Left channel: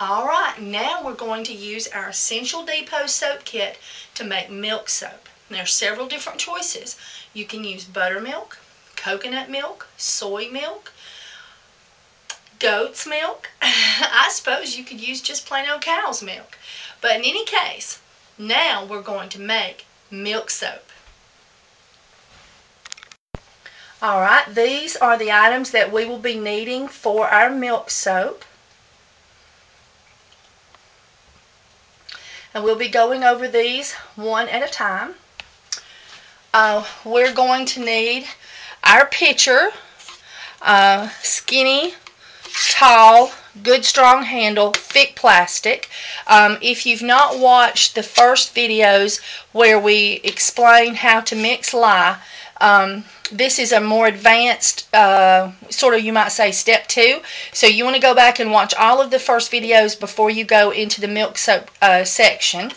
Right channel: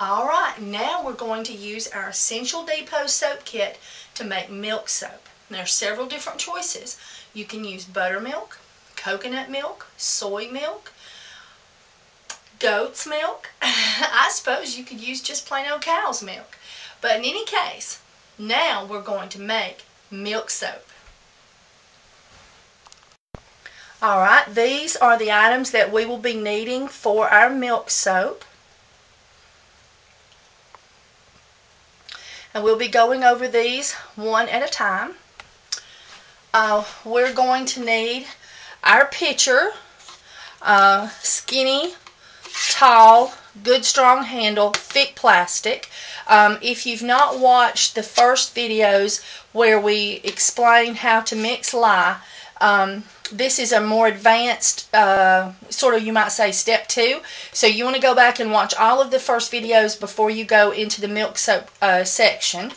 Alright, now we're going to use our Essential Depot soap kit to make milk soap. There are several different choices. You can use buttermilk, coconut milk, soy milk, goat's milk. I suppose you could use just plain old cow's milk. But in any case, now we're going to make milk soap. Alright, these are the items that we will be needing for our milk soap. And we'll be going over these one at a time. We're going to need our pitcher, skinny, tall, good strong handle, thick plastic. If you've not watched the first videos where we explain how to mix lye, this is a more advanced, sort of, you might say, step 2. So you want to go back and watch all of the first videos before you go into the milk soap section.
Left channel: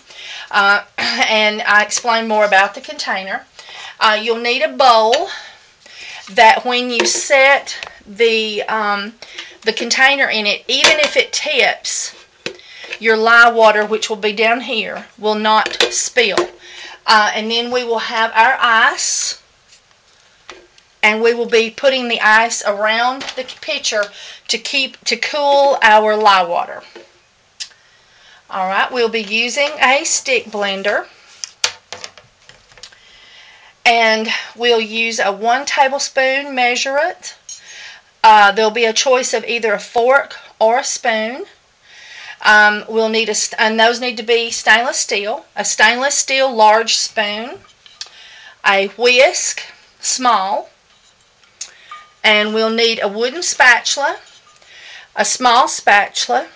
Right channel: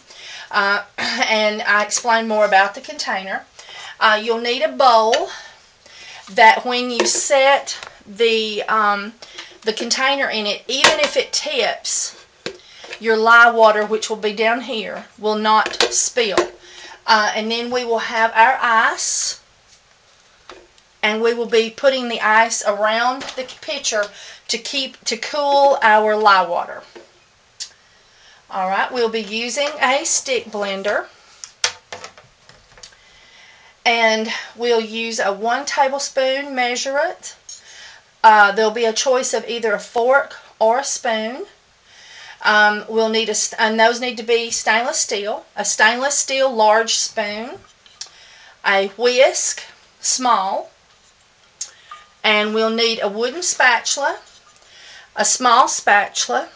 And I explain more about the container. You'll need a bowl that when you set the container in it, even if it tips, your lye water, which will be down here, will not spill. And then we will have our ice. And we will be putting the ice around the pitcher to cool our lye water. Alright, we'll be using a stick blender. And we'll use a 1 tablespoon measurement. There'll be a choice of either a fork or a spoon. We'll need and those need to be stainless steel. A stainless steel large spoon. A whisk, small. And we'll need a wooden spatula, a small spatula,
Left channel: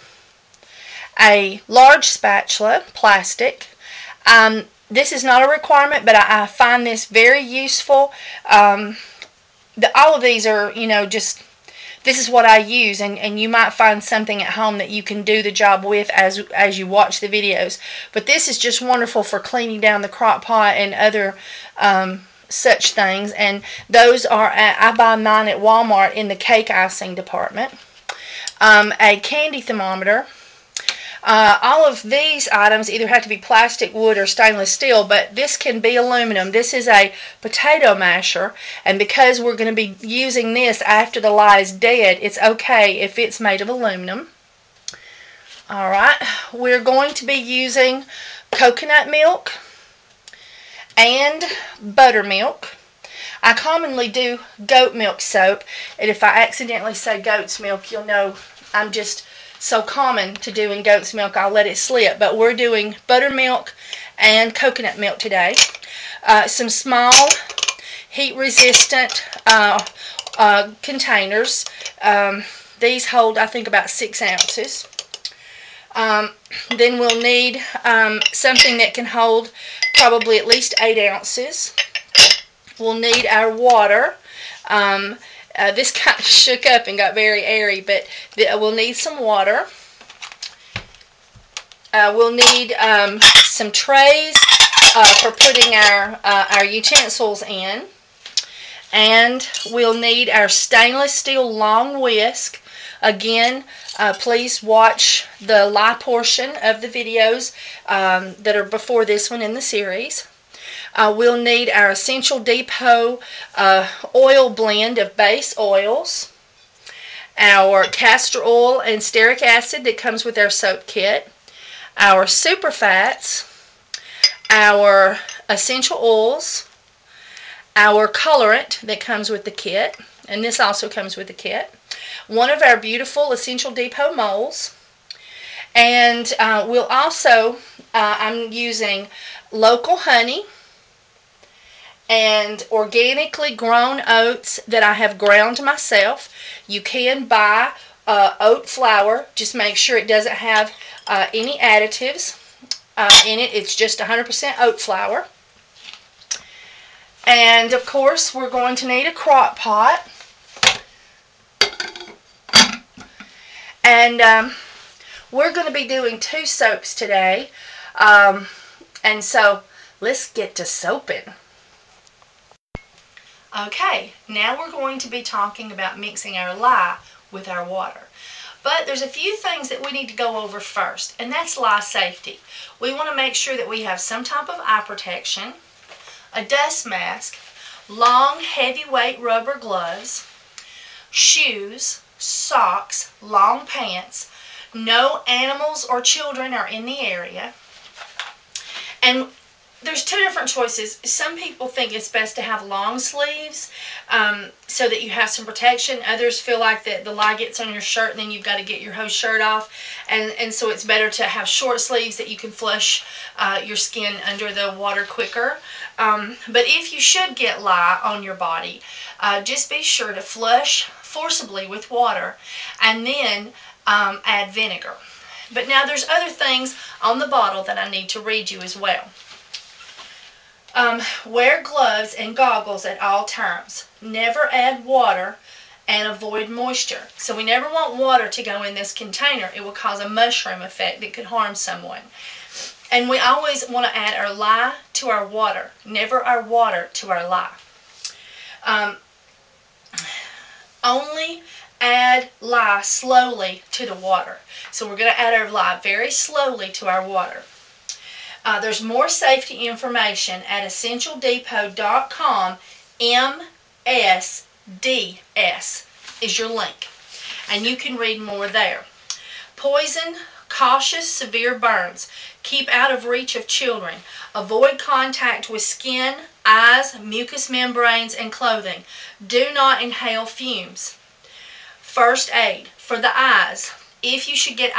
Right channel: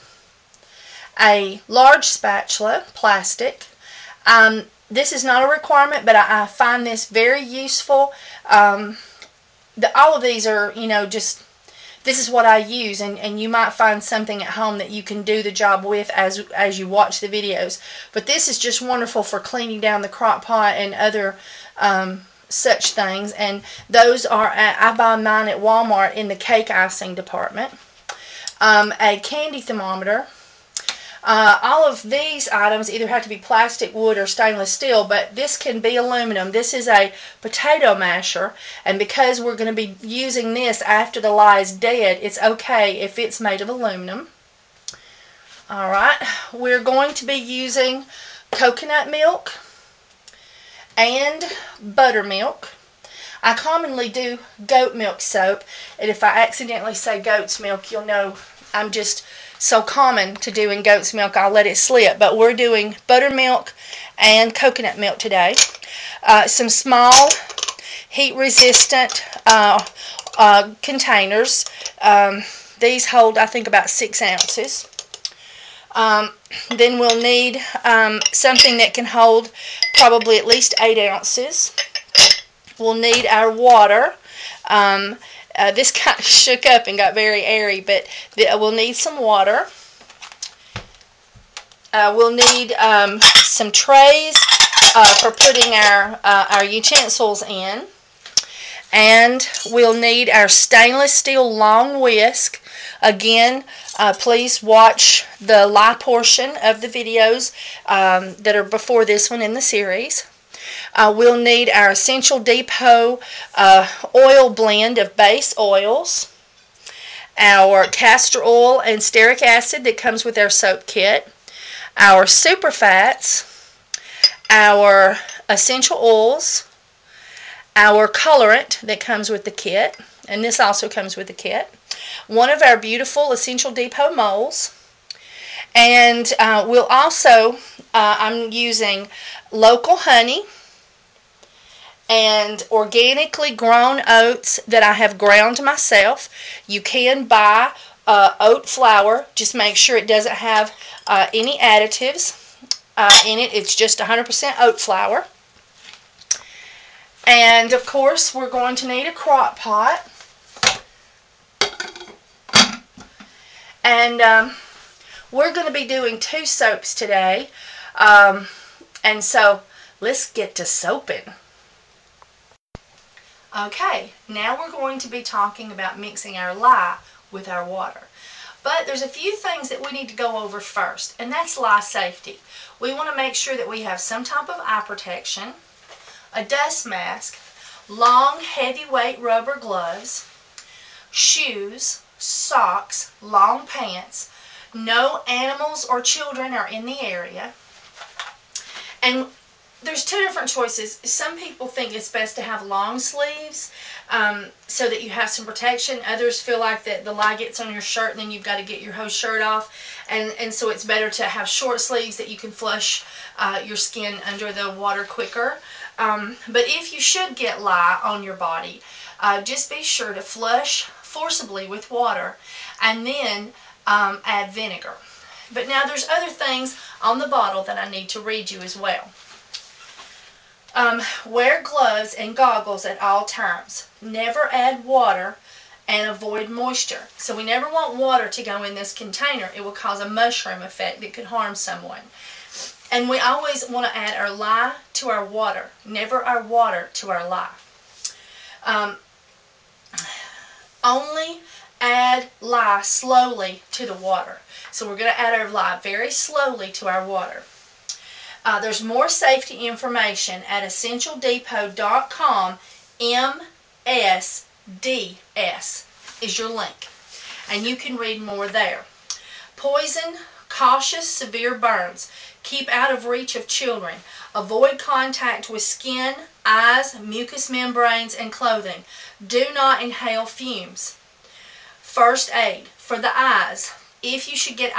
a large spatula, plastic. This is not a requirement, but I find this very useful. All of these are, just, this is what I use, and you might find something at home that you can do the job with as you watch the videos. But this is just wonderful for cleaning down the crock pot and other such things, and those are I buy mine at Walmart in the cake icing department. A candy thermometer. All of these items either have to be plastic, wood, or stainless steel, but this can be aluminum. This is a potato masher, and because we're going to be using this after the lye is dead, it's okay if it's made of aluminum. Alright, we're going to be using coconut milk and buttermilk. I commonly do goat milk soap, and if I accidentally say goat's milk, you'll know I'm just so common to doing goat's milk, I'll let it slip. But we're doing buttermilk and coconut milk today. Some small heat-resistant containers. These hold, I think, about 6 ounces. Then we'll need something that can hold probably at least 8 ounces. We'll need our water. This kind of shook up and got very airy, but we'll need some water. We'll need some trays for putting our utensils in. And we'll need our stainless steel long whisk. Again, please watch the lye portion of the videos that are before this one in the series. We'll need our Essential Depot oil blend of base oils, our castor oil and stearic acid that comes with our soap kit, our super fats, our essential oils, our colorant that comes with the kit, and this also comes with the kit, one of our beautiful Essential Depot molds, and we'll also, I'm using local honey and organically grown oats that I have ground myself. You can buy oat flour. Just make sure it doesn't have any additives in it. It's just 100% oat flour. And of course, we're going to need a crock pot. And we're going to be doing 2 soaps today. And so let's get to soaping. Okay, now we're going to be talking about mixing our lye with our water. But there's a few things that we need to go over first, and that's lie safety. We want to make sure that we have some type of eye protection, a dust mask, long heavyweight rubber gloves, shoes, socks, long pants. No animals or children are in the area. And there's two different choices. Some people think it's best to have long sleeves so that you have some protection. Others feel like that the lye gets on your shirt and then you've got to get your whole shirt off. And so it's better to have short sleeves that you can flush your skin under the water quicker. But if you should get lye on your body, just be sure to flush forcibly with water and then add vinegar. But now there's other things on the bottle that I need to read you as well. Wear gloves and goggles at all times. Never add water and avoid moisture. So we never want water to go in this container. It will cause a mushroom effect that could harm someone. And we always want to add our lye to our water, never our water to our lye. Only add lye slowly to the water. So we're going to add our lye very slowly to our water. There's more safety information at EssentialDepot.com. MSDS is your link. And you can read more there. Poison, cautious, severe burns. Keep out of reach of children. Avoid contact with skin, eyes, mucous membranes, and clothing. Do not inhale fumes. First aid for the eyes. If you should get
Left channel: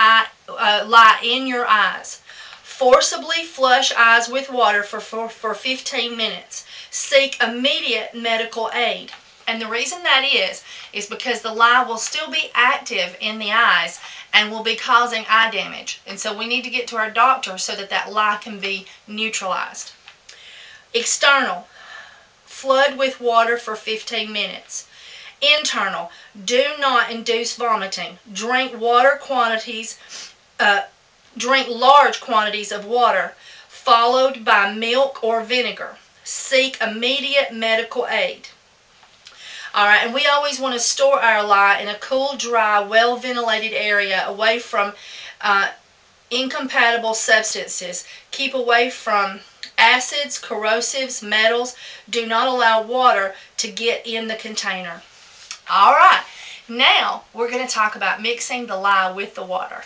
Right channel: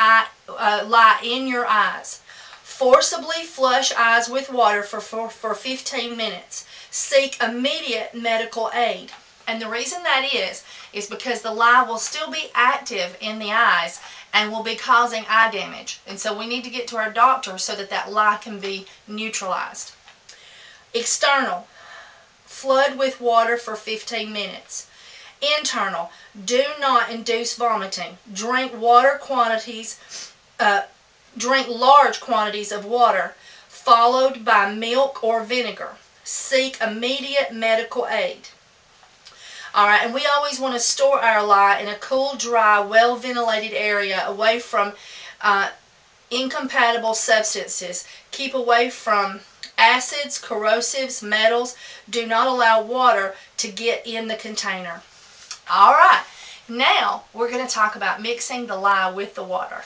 lye in your eyes, forcibly flush eyes with water for 15 minutes. Seek immediate medical aid. And the reason that is because the lye will still be active in the eyes and will be causing eye damage. And so we need to get to our doctor so that that lye can be neutralized. External. Flood with water for 15 minutes. Internal. Do not induce vomiting. Drink large quantities of water, followed by milk or vinegar. Seek immediate medical aid. Alright, and we always want to store our lye in a cool, dry, well-ventilated area away from incompatible substances. Keep away from acids, corrosives, metals. Do not allow water to get in the container. Alright, now we're going to talk about mixing the lye with the water.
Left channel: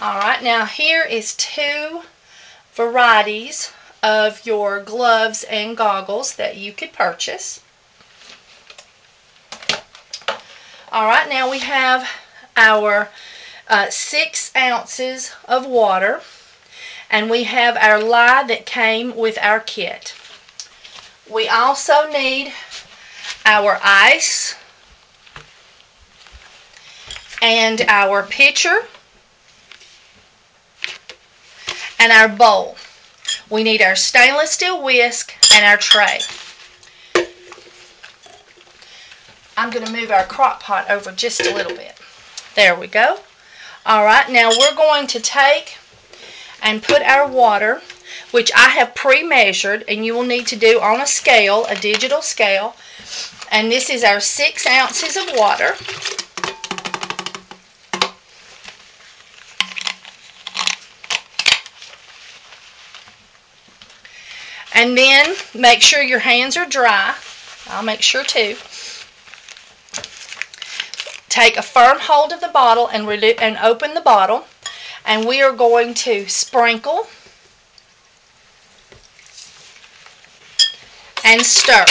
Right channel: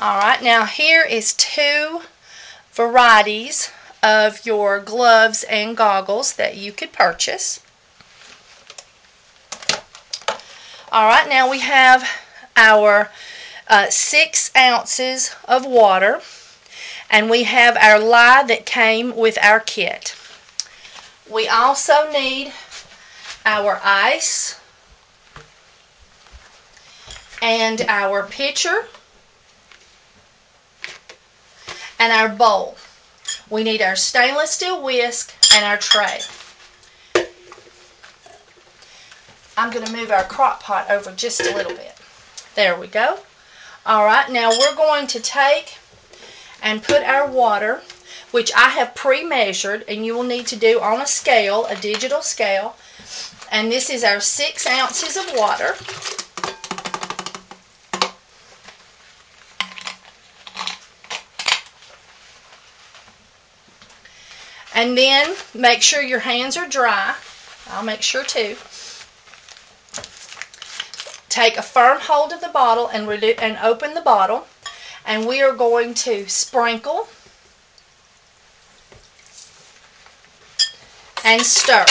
Alright, now here is two varieties of your gloves and goggles that you could purchase. Alright, now we have our 6 ounces of water, and we have our lye that came with our kit. We also need our ice and our pitcher and our bowl. We need our stainless steel whisk and our tray. I'm going to move our crock pot over just a little bit. There we go. Alright, now we're going to take and put our water, which I have pre-measured, and you will need to do on a scale, a digital scale. And this is our 6 ounces of water. And then make sure your hands are dry. I'll make sure too. Take a firm hold of the bottle and open the bottle. And we are going to sprinkle and stir.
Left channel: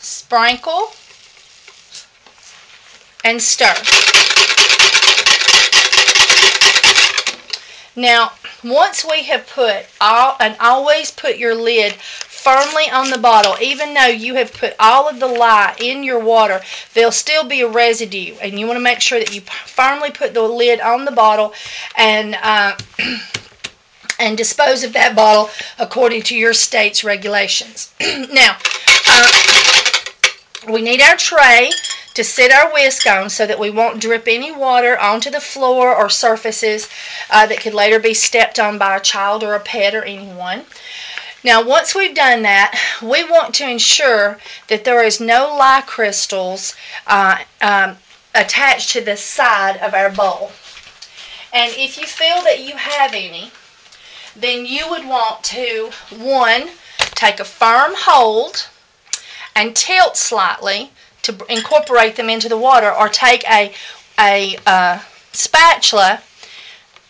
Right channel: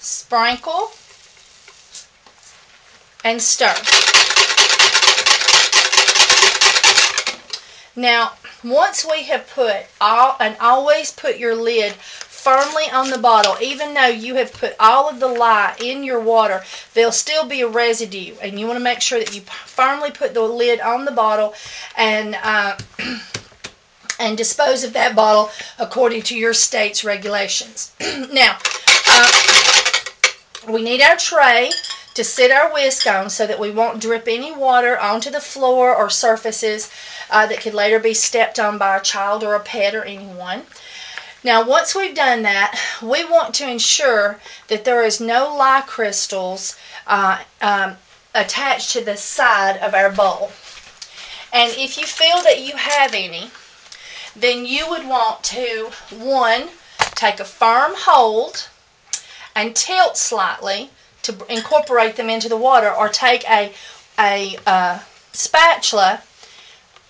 Sprinkle and stir. Now, once we have put and always put your lid firmly on the bottle, even though you have put all of the lye in your water, there'll still be a residue, and you want to make sure that you firmly put the lid on the bottle and and dispose of that bottle according to your state's regulations. Now, we need our tray to sit our whisk on so that we won't drip any water onto the floor or surfaces that could later be stepped on by a child or a pet or anyone. Now once we've done that, we want to ensure that there is no lye crystals attached to the side of our bowl. And if you feel that you have any, then you would want to, one, take a firm hold and tilt slightly to incorporate them into the water, or take a spatula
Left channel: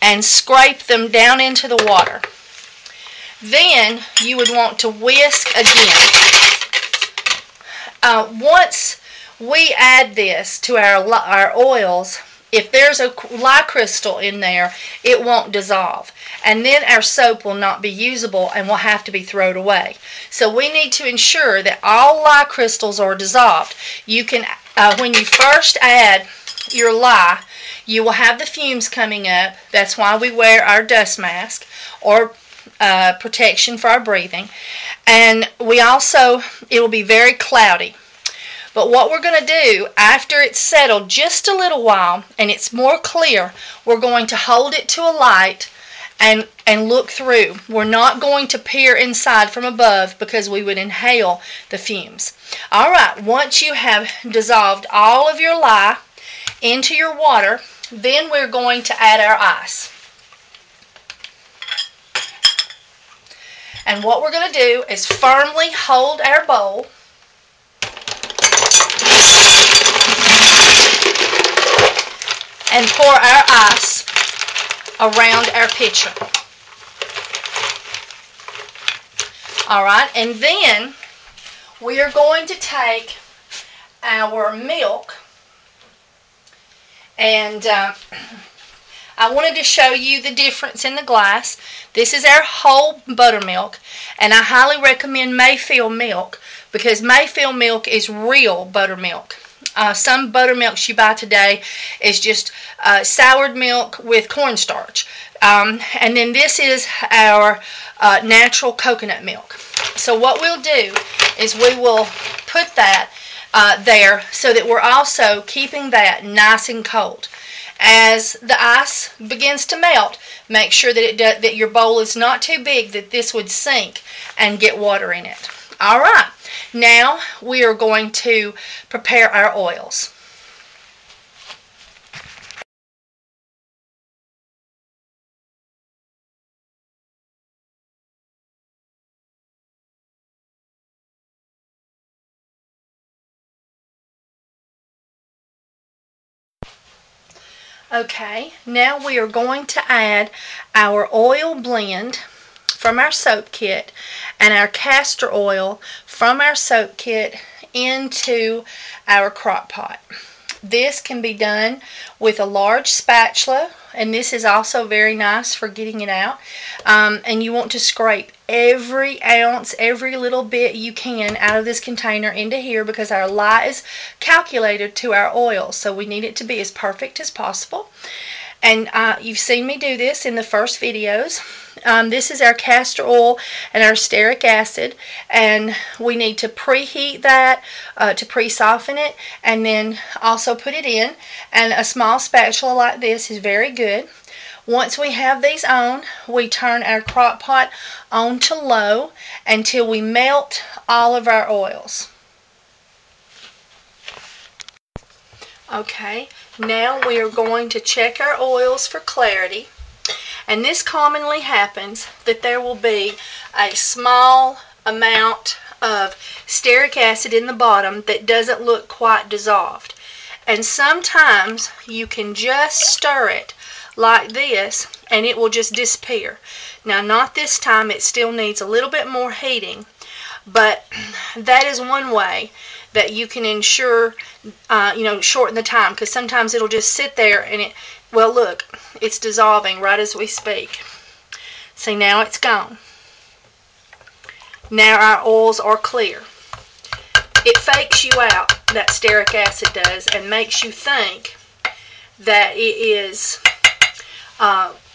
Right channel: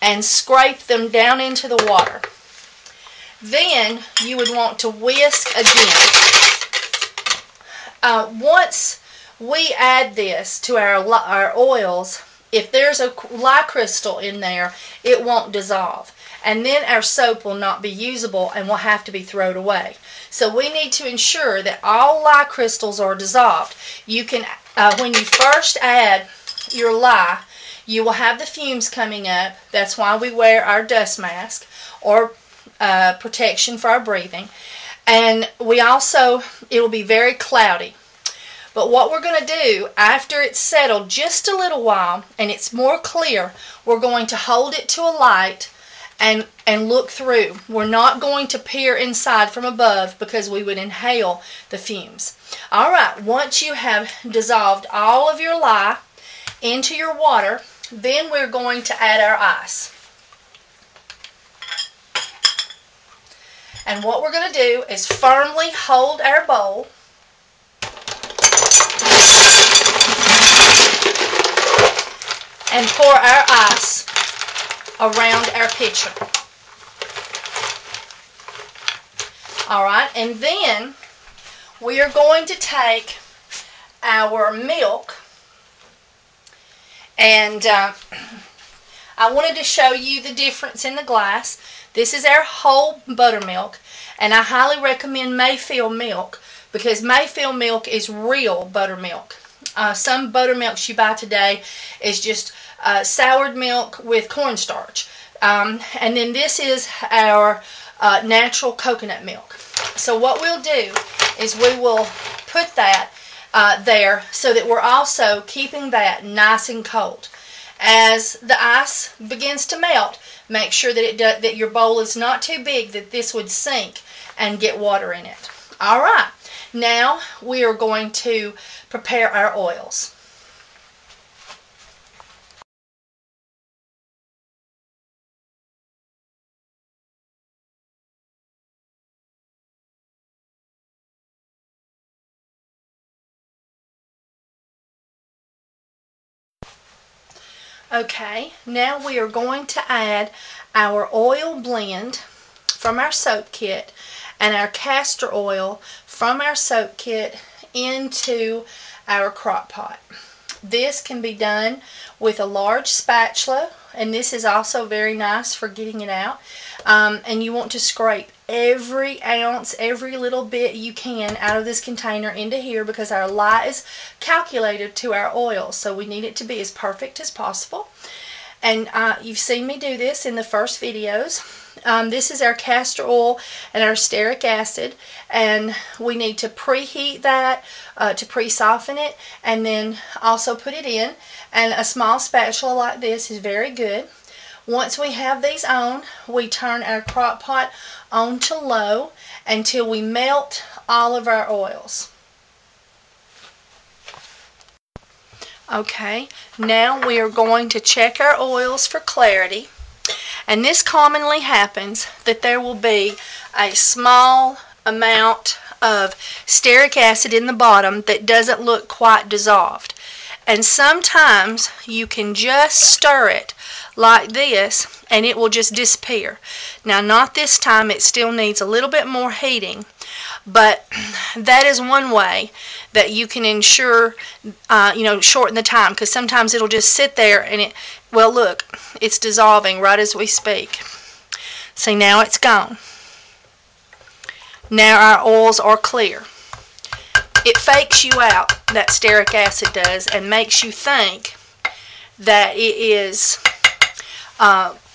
and scrape them down into the water. Then you would want to whisk again. Once we add this to our oils, if there's a lye crystal in there, it won't dissolve. And then our soap will not be usable and will have to be thrown away. So we need to ensure that all lye crystals are dissolved. You can, when you first add your lye, you will have the fumes coming up. That's why we wear our dust mask or protection for our breathing. And we also, it will be very cloudy. But what we're going to do, after it's settled just a little while and it's more clear, we're going to hold it to a light and look through. We're not going to peer inside from above because we would inhale the fumes. Alright, once you have dissolved all of your lye into your water, then we're going to add our ice. And what we're going to do is firmly hold our bowl and pour our ice around our pitcher. Alright, and then we are going to take our milk, and I wanted to show you the difference in the glass. This is our whole buttermilk, and I highly recommend Mayfield milk because Mayfield milk is real buttermilk. Some buttermilks you buy today is just soured milk with cornstarch. And then this is our natural coconut milk. So what we'll do is we will put that there so that we're also keeping that nice and cold. As the ice begins to melt, make sure that that your bowl is not too big that this would sink and get water in it. Alright, now we are going to prepare our oils. Okay, now we are going to add our oil blend from our soap kit and our castor oil from our soap kit into our crock pot. This can be done with a large spatula, and this is also very nice for getting it out. And you want to scrape every ounce, every little bit you can out of this container into here because our lye is calculated to our oil, so we need it to be as perfect as possible. And you've seen me do this in the first videos. This is our castor oil and our stearic acid, and we need to preheat that to pre-soften it, and then also put it in. And a small spatula like this is very good. Once we have these on, we turn our crock pot on to low until we melt all of our oils. Okay, now we are going to check our oils for clarity. And this commonly happens that there will be a small amount of stearic acid in the bottom that doesn't look quite dissolved. And sometimes you can just stir it like this and it will just disappear. Now, not this time, it still needs a little bit more heating, but that is one way that you can ensure, shorten the time, because sometimes it'll just sit there and it, well, look, it's dissolving right as we speak. See, now it's gone. Now our oils are clear. It fakes you out, that stearic acid does, and makes you think that it is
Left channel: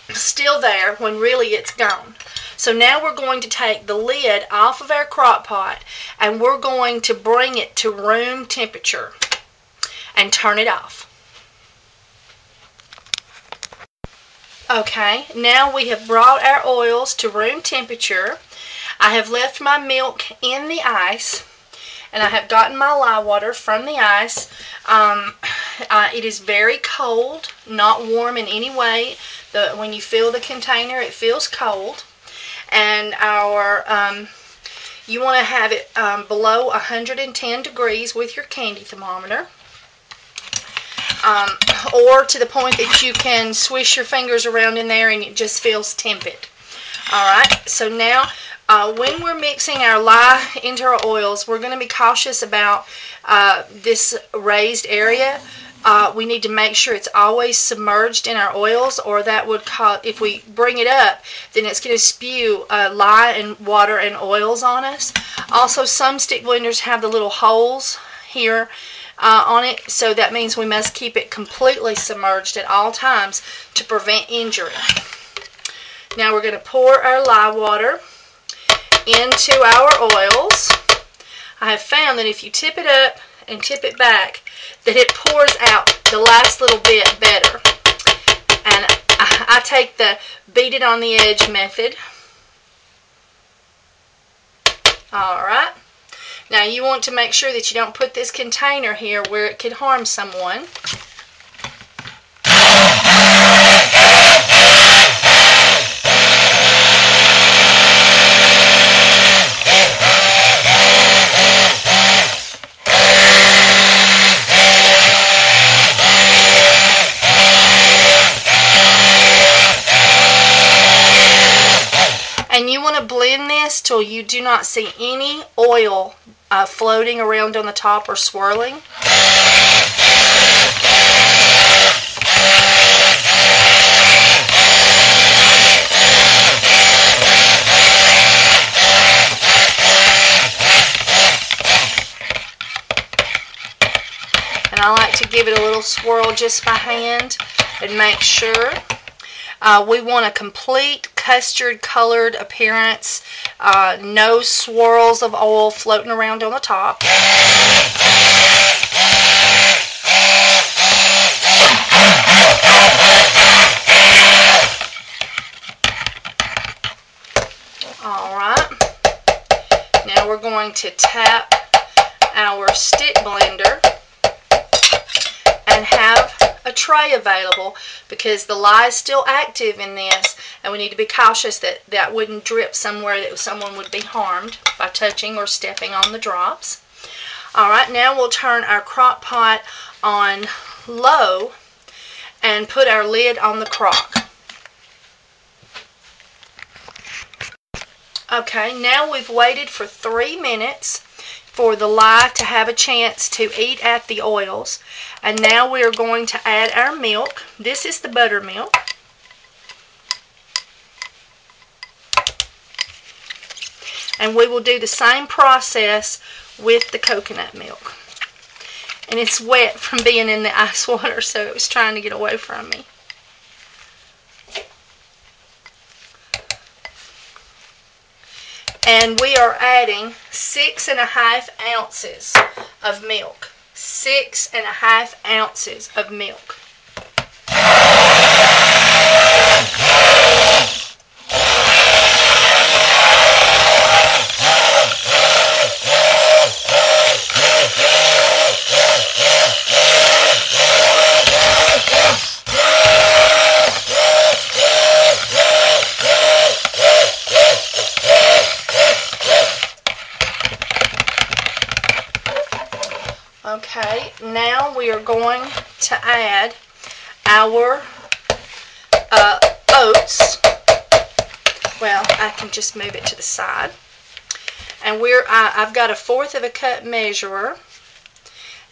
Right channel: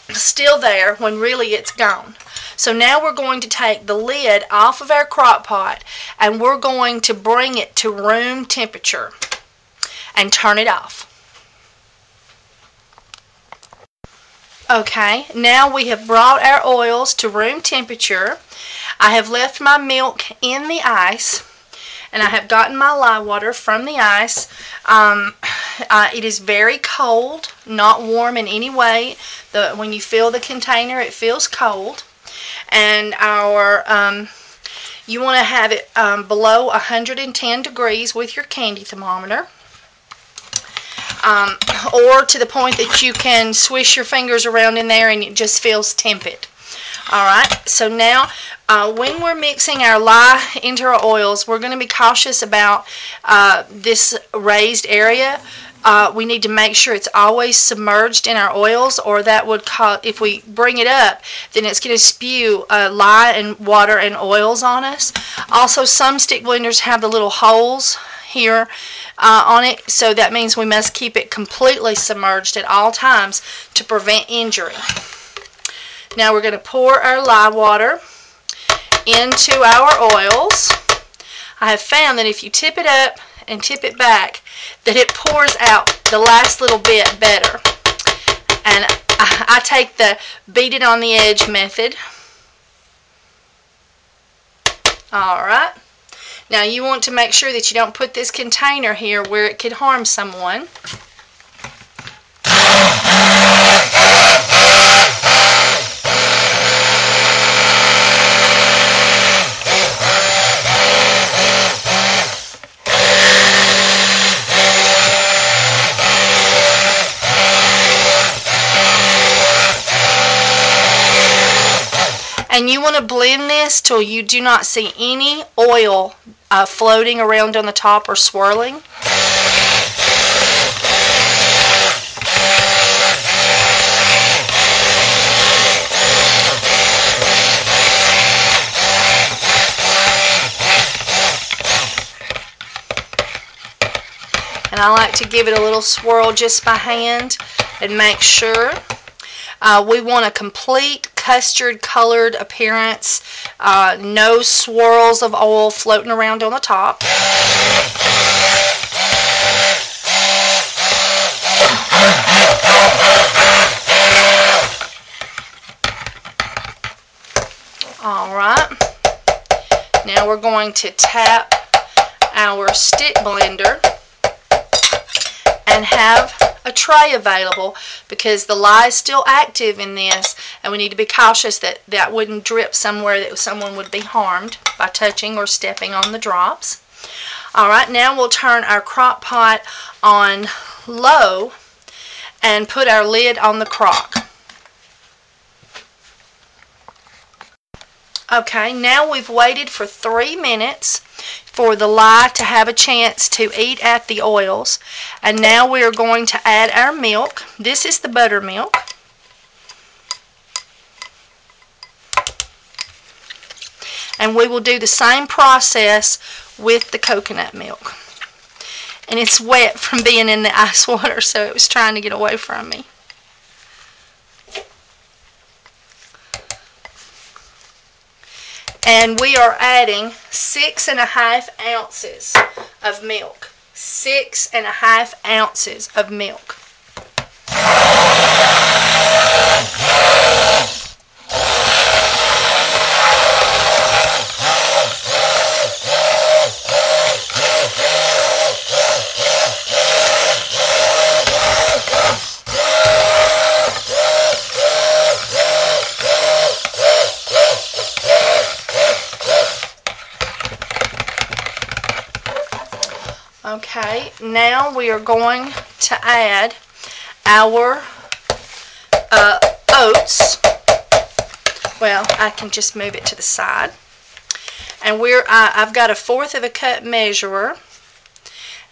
still there when really it's gone. So now we're going to take the lid off of our crock pot and we're going to bring it to room temperature and turn it off. Okay, now we have brought our oils to room temperature. I have left my milk in the ice, and I have gotten my lye water from the ice. It is very cold, not warm in any way. When you fill the container, it feels cold. And you want to have it below 110 degrees with your candy thermometer. Or to the point that you can swish your fingers around in there and it just feels tepid. Alright, so now when we're mixing our lye into our oils, we're going to be cautious about this raised area. We need to make sure it's always submerged in our oils, or that would cause, if we bring it up, then it's going to spew lye and water and oils on us. Also, some stick blenders have the little holes here on it, so that means we must keep it completely submerged at all times to prevent injury. Now we're going to pour our lye water into our oils. I have found that if you tip it up and tip it back, that it pours out the last little bit better. And I take the beat it on the edge method. Alright. Now you want to make sure that you don't put this container here where it could harm someone. And you want to blend this till you do not see any oil floating around on the top or swirling. And I like to give it a little swirl just by hand and make sure. We want a complete custard colored appearance, no swirls of oil floating around on the top. Alright, now we're going to tap our stick blender and have a tray available, because the lye is still active in this, and we need to be cautious that that wouldn't drip somewhere that someone would be harmed by touching or stepping on the drops. Alright, now we'll turn our crock pot on low and put our lid on the crock. Okay, now we've waited for 3 minutes for the lye to have a chance to eat at the oils. And now we are going to add our milk. This is the buttermilk. And we will do the same process with the coconut milk. And it's wet from being in the ice water, so it was trying to get away from me. And we are adding 6½ ounces of milk. 6½ ounces of milk. Okay, now we are going to add our oats. Well, I can just move it to the side. And I've got a 1/4 of a cup measurer,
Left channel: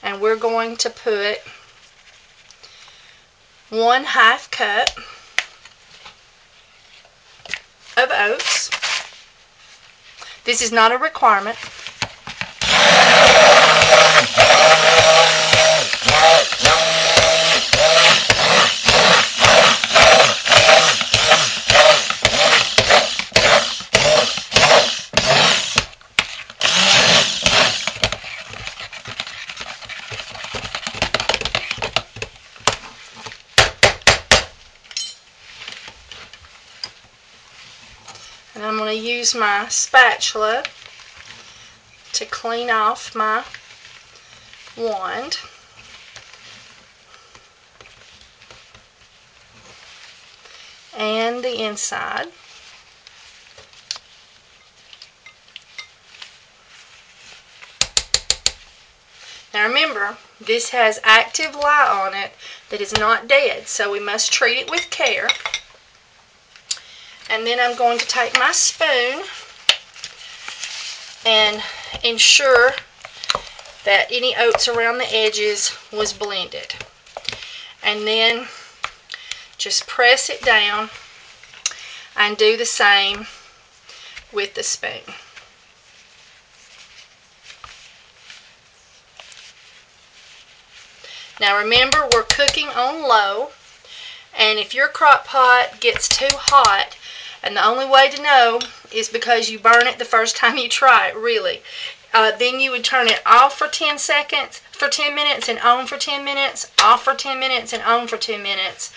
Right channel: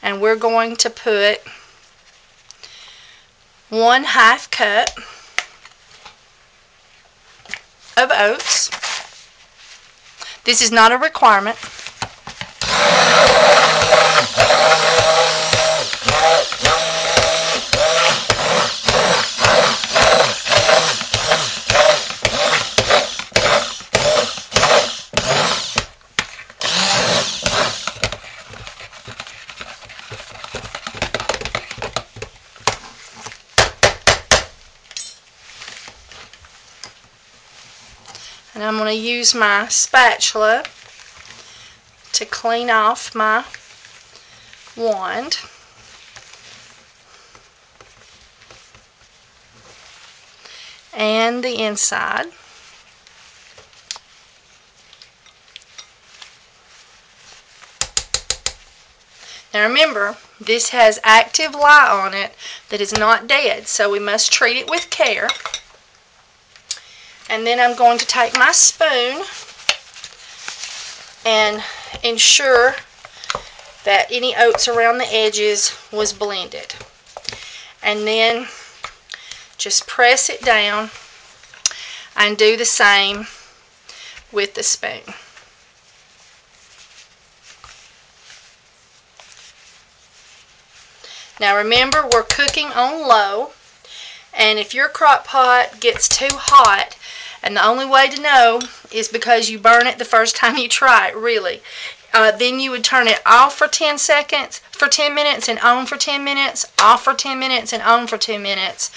and we're going to put 1/2 cup of oats. This is not a requirement. And I'm going to use my spatula to clean off my wand. And the inside. Now remember, this has active light on it that is not dead, so we must treat it with care. And then I'm going to take my spoon and ensure that any oats around the edges was blended. And then just press it down and do the same with the spoon. Now remember, we're cooking on low, and if your crock pot gets too hot, and the only way to know is because you burn it the first time you try it, really, then you would turn it off for 10 minutes and on for 10 minutes, off for 10 minutes and on for 2 minutes.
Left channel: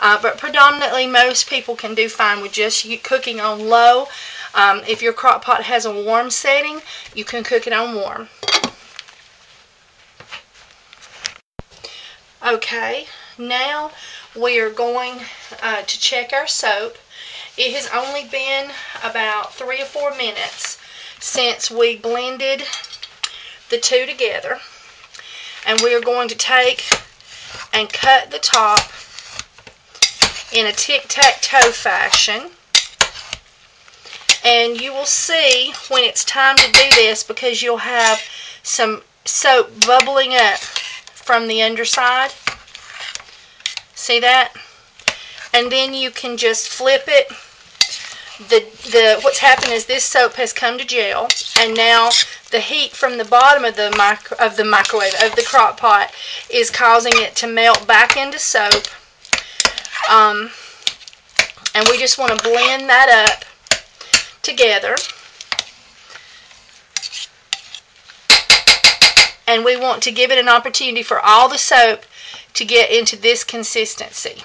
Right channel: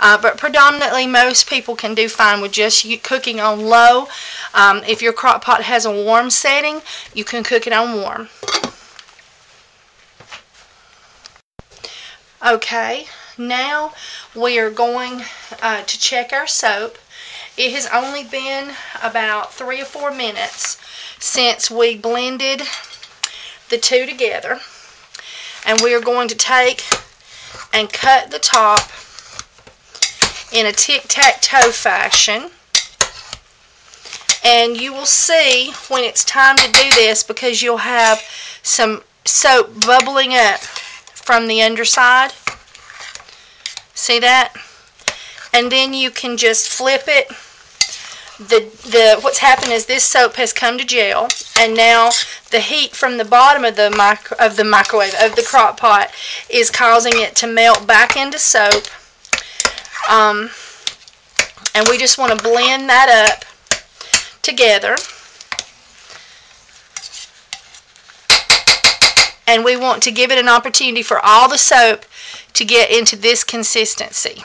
But predominantly most people can do fine with just cooking on low. If your crock pot has a warm setting, you can cook it on warm. Okay, now we are going to check our soap. It has only been about 3 or 4 minutes since we blended the two together. And we are going to take and cut the top in a tic-tac-toe fashion. And you will see when it's time to do this, because you'll have some soap bubbling up from the underside. See that? And then you can just flip it. What's happened is this soap has come to gel, and now the heat from the bottom of the crock pot is causing it to melt back into soap. And we just want to blend that up together. And we want to give it an opportunity for all the soap to get into this consistency.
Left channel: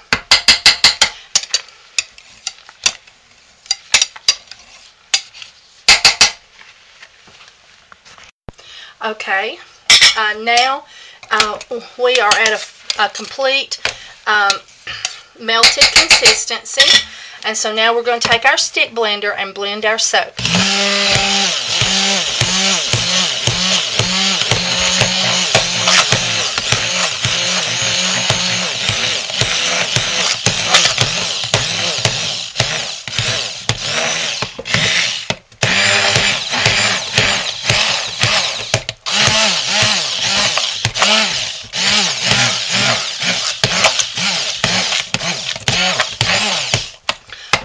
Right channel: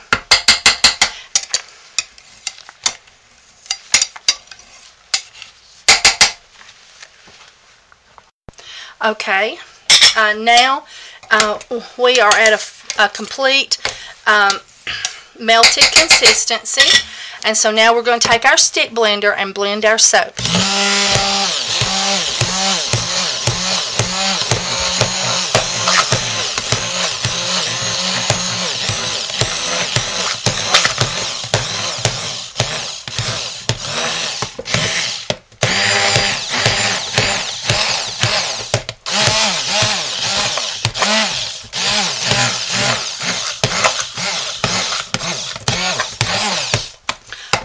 Okay, now we are at a complete melted consistency, and so now we're going to take our stick blender and blend our soap.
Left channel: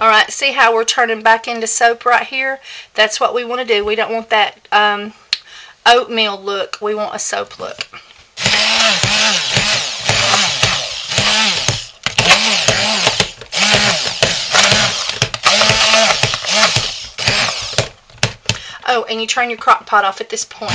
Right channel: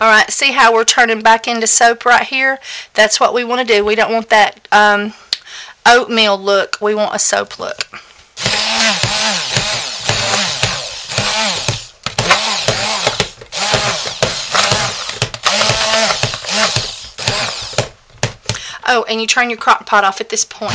Alright, see how we're turning back into soap right here? That's what we want to do. We don't want that oatmeal look. We want a soap look. Oh, and you turn your crock pot off at this point.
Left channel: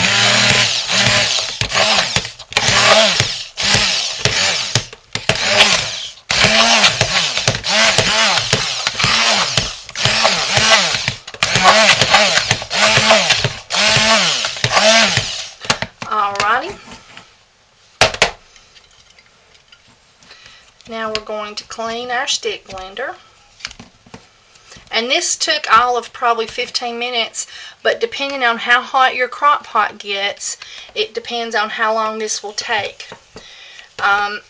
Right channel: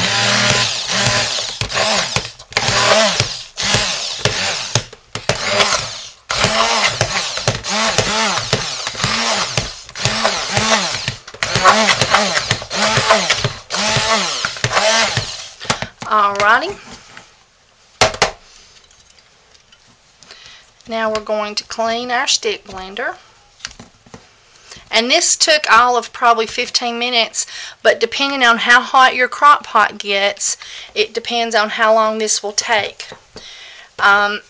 Alrighty. Now we're going to clean our stick blender. And this took all of probably 15 minutes, but depending on how hot your crock pot gets, it depends on how long this will take. And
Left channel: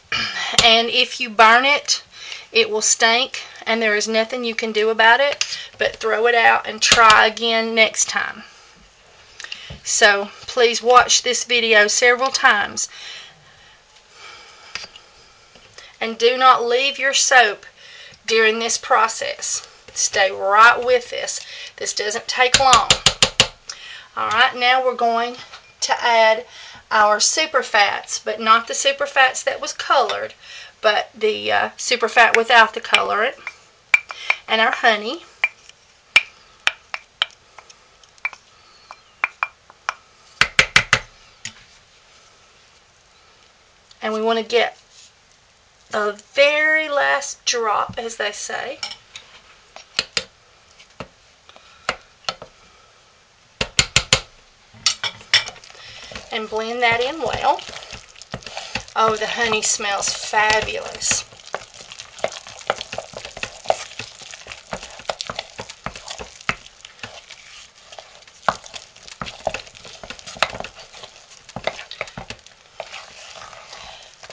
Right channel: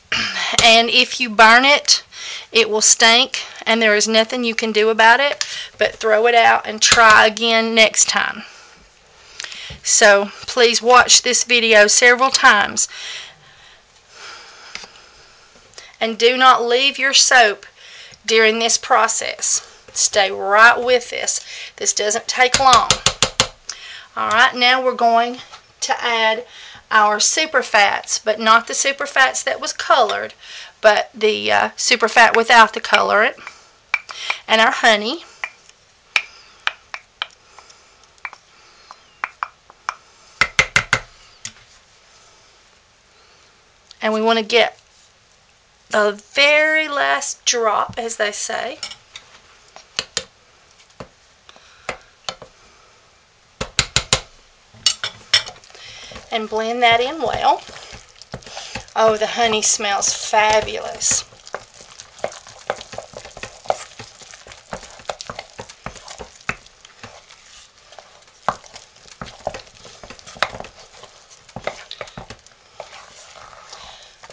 if you burn it, it will stink, and there is nothing you can do about it but throw it out and try again next time. So please watch this video several times, and do not leave your soap during this process. Stay right with this. This doesn't take long. Alright, now we're going to add our super fats, but not the super fats that was colored, but the super fat without the colorant, and our honey. And we want to get the very last drop, as they say. and blend that in well. Oh, the honey smells fabulous.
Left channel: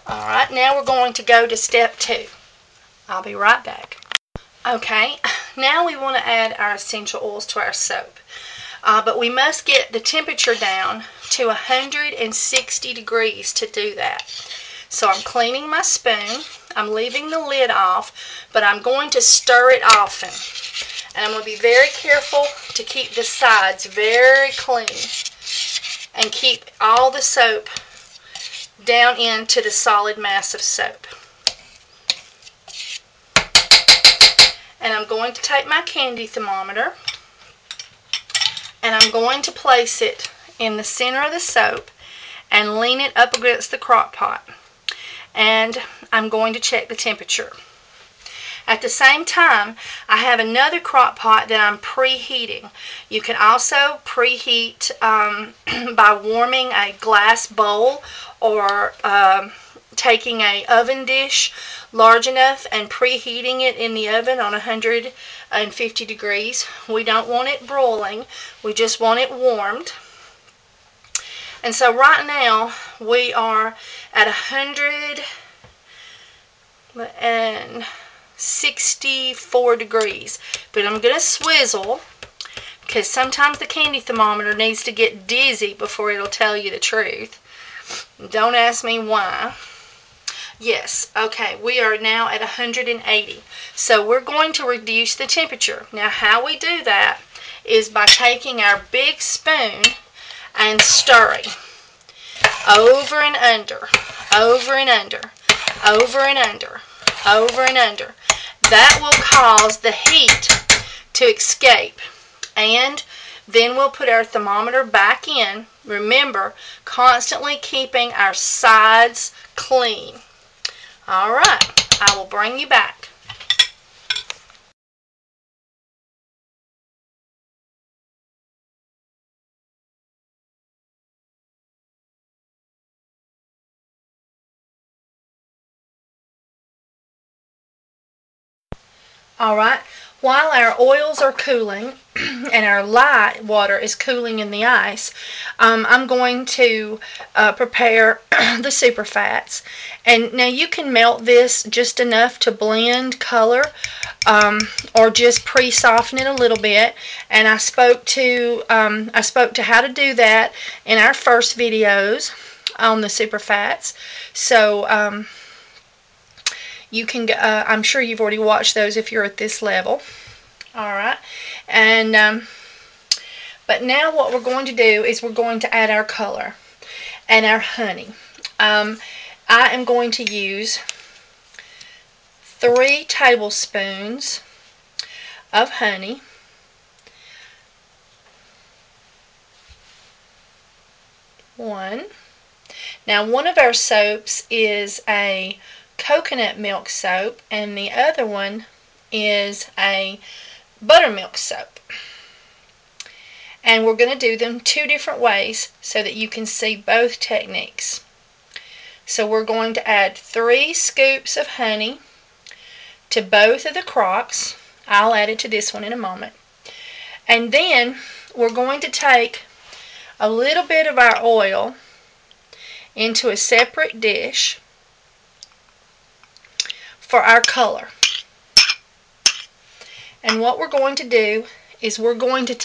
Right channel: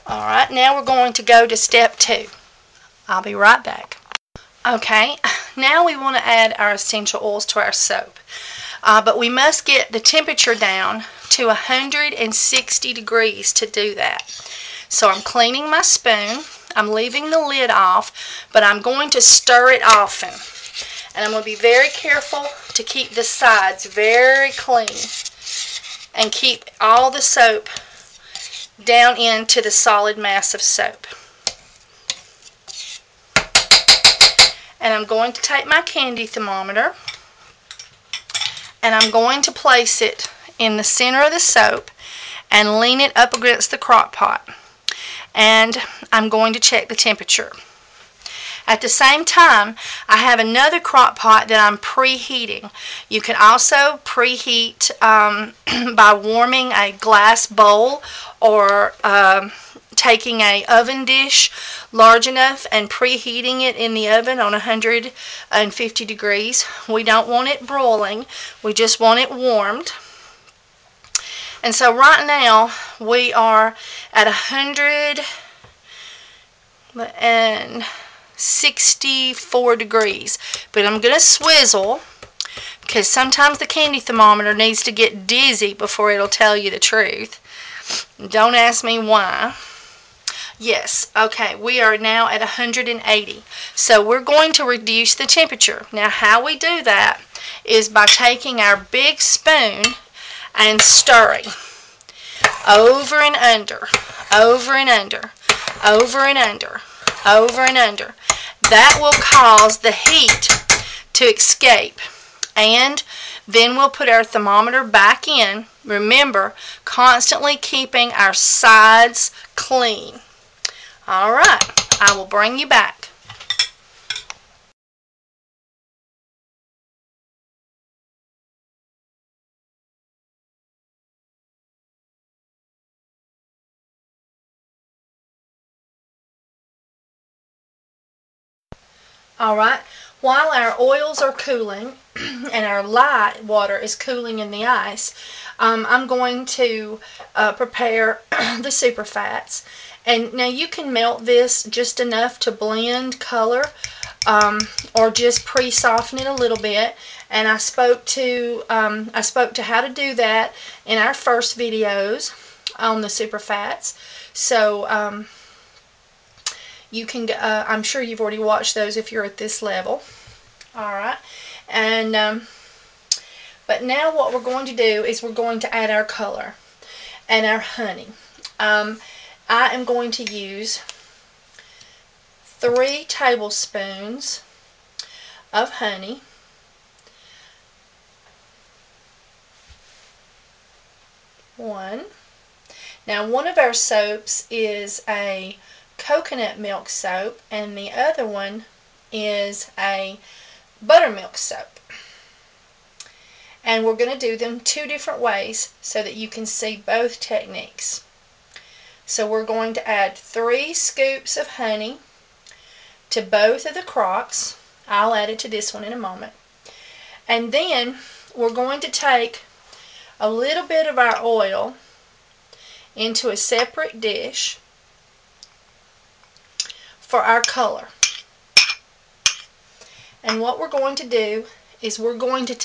Alright, now we're going to go to step 2. I'll be right back. Okay, now we want to add our essential oils to our soap. But we must get the temperature down to 160 degrees to do that. So I'm cleaning my spoon. I'm leaving the lid off, but I'm going to stir it often. And I'm going to be very careful to keep the sides very clean and keep all the soap down into the solid mass of soap. And I'm going to take my candy thermometer and I'm going to place it in the center of the soap and lean it up against the crock pot. And I'm going to check the temperature. At the same time, I have another crock pot that I'm preheating. You can also preheat by warming a glass bowl or taking an oven dish large enough and preheating it in the oven on 150 degrees. We don't want it broiling, we just want it warmed. And so right now we are at 164 degrees, but I'm going to swizzle because sometimes the candy thermometer needs to get dizzy before it'll tell you the truth. Don't ask me why. Yes, okay, we are now at 180. So we're going to reduce the temperature. Now how we do that is by taking our big spoon and stirring over and under, over and under, over and under, over and under. That will cause the heat to escape. And then we'll put our thermometer back in. Remember, constantly keeping our sides clean. Alright, I will bring you back. Alright, while our oils are cooling and our light water is cooling in the ice, I'm going to prepare the super fats. And now you can melt this just enough to blend color or just pre-soften it a little bit. And I spoke to how to do that in our first videos on the super fats. So you can, I'm sure you've already watched those if you're at this level. Alright, and but now what we're going to do is we're going to add our color and our honey. I am going to use 3 tablespoons of honey, 1. Now one of our soaps is a coconut milk soap and the other one is a buttermilk soap. And we're going to do them 2 different ways so that you can see both techniques. So we're going to add 3 scoops of honey to both of the crocks. I'll add it to this one in a moment. And then we're going to take a little bit of our oil into a separate dish for our color. And what we're going to do is we're going to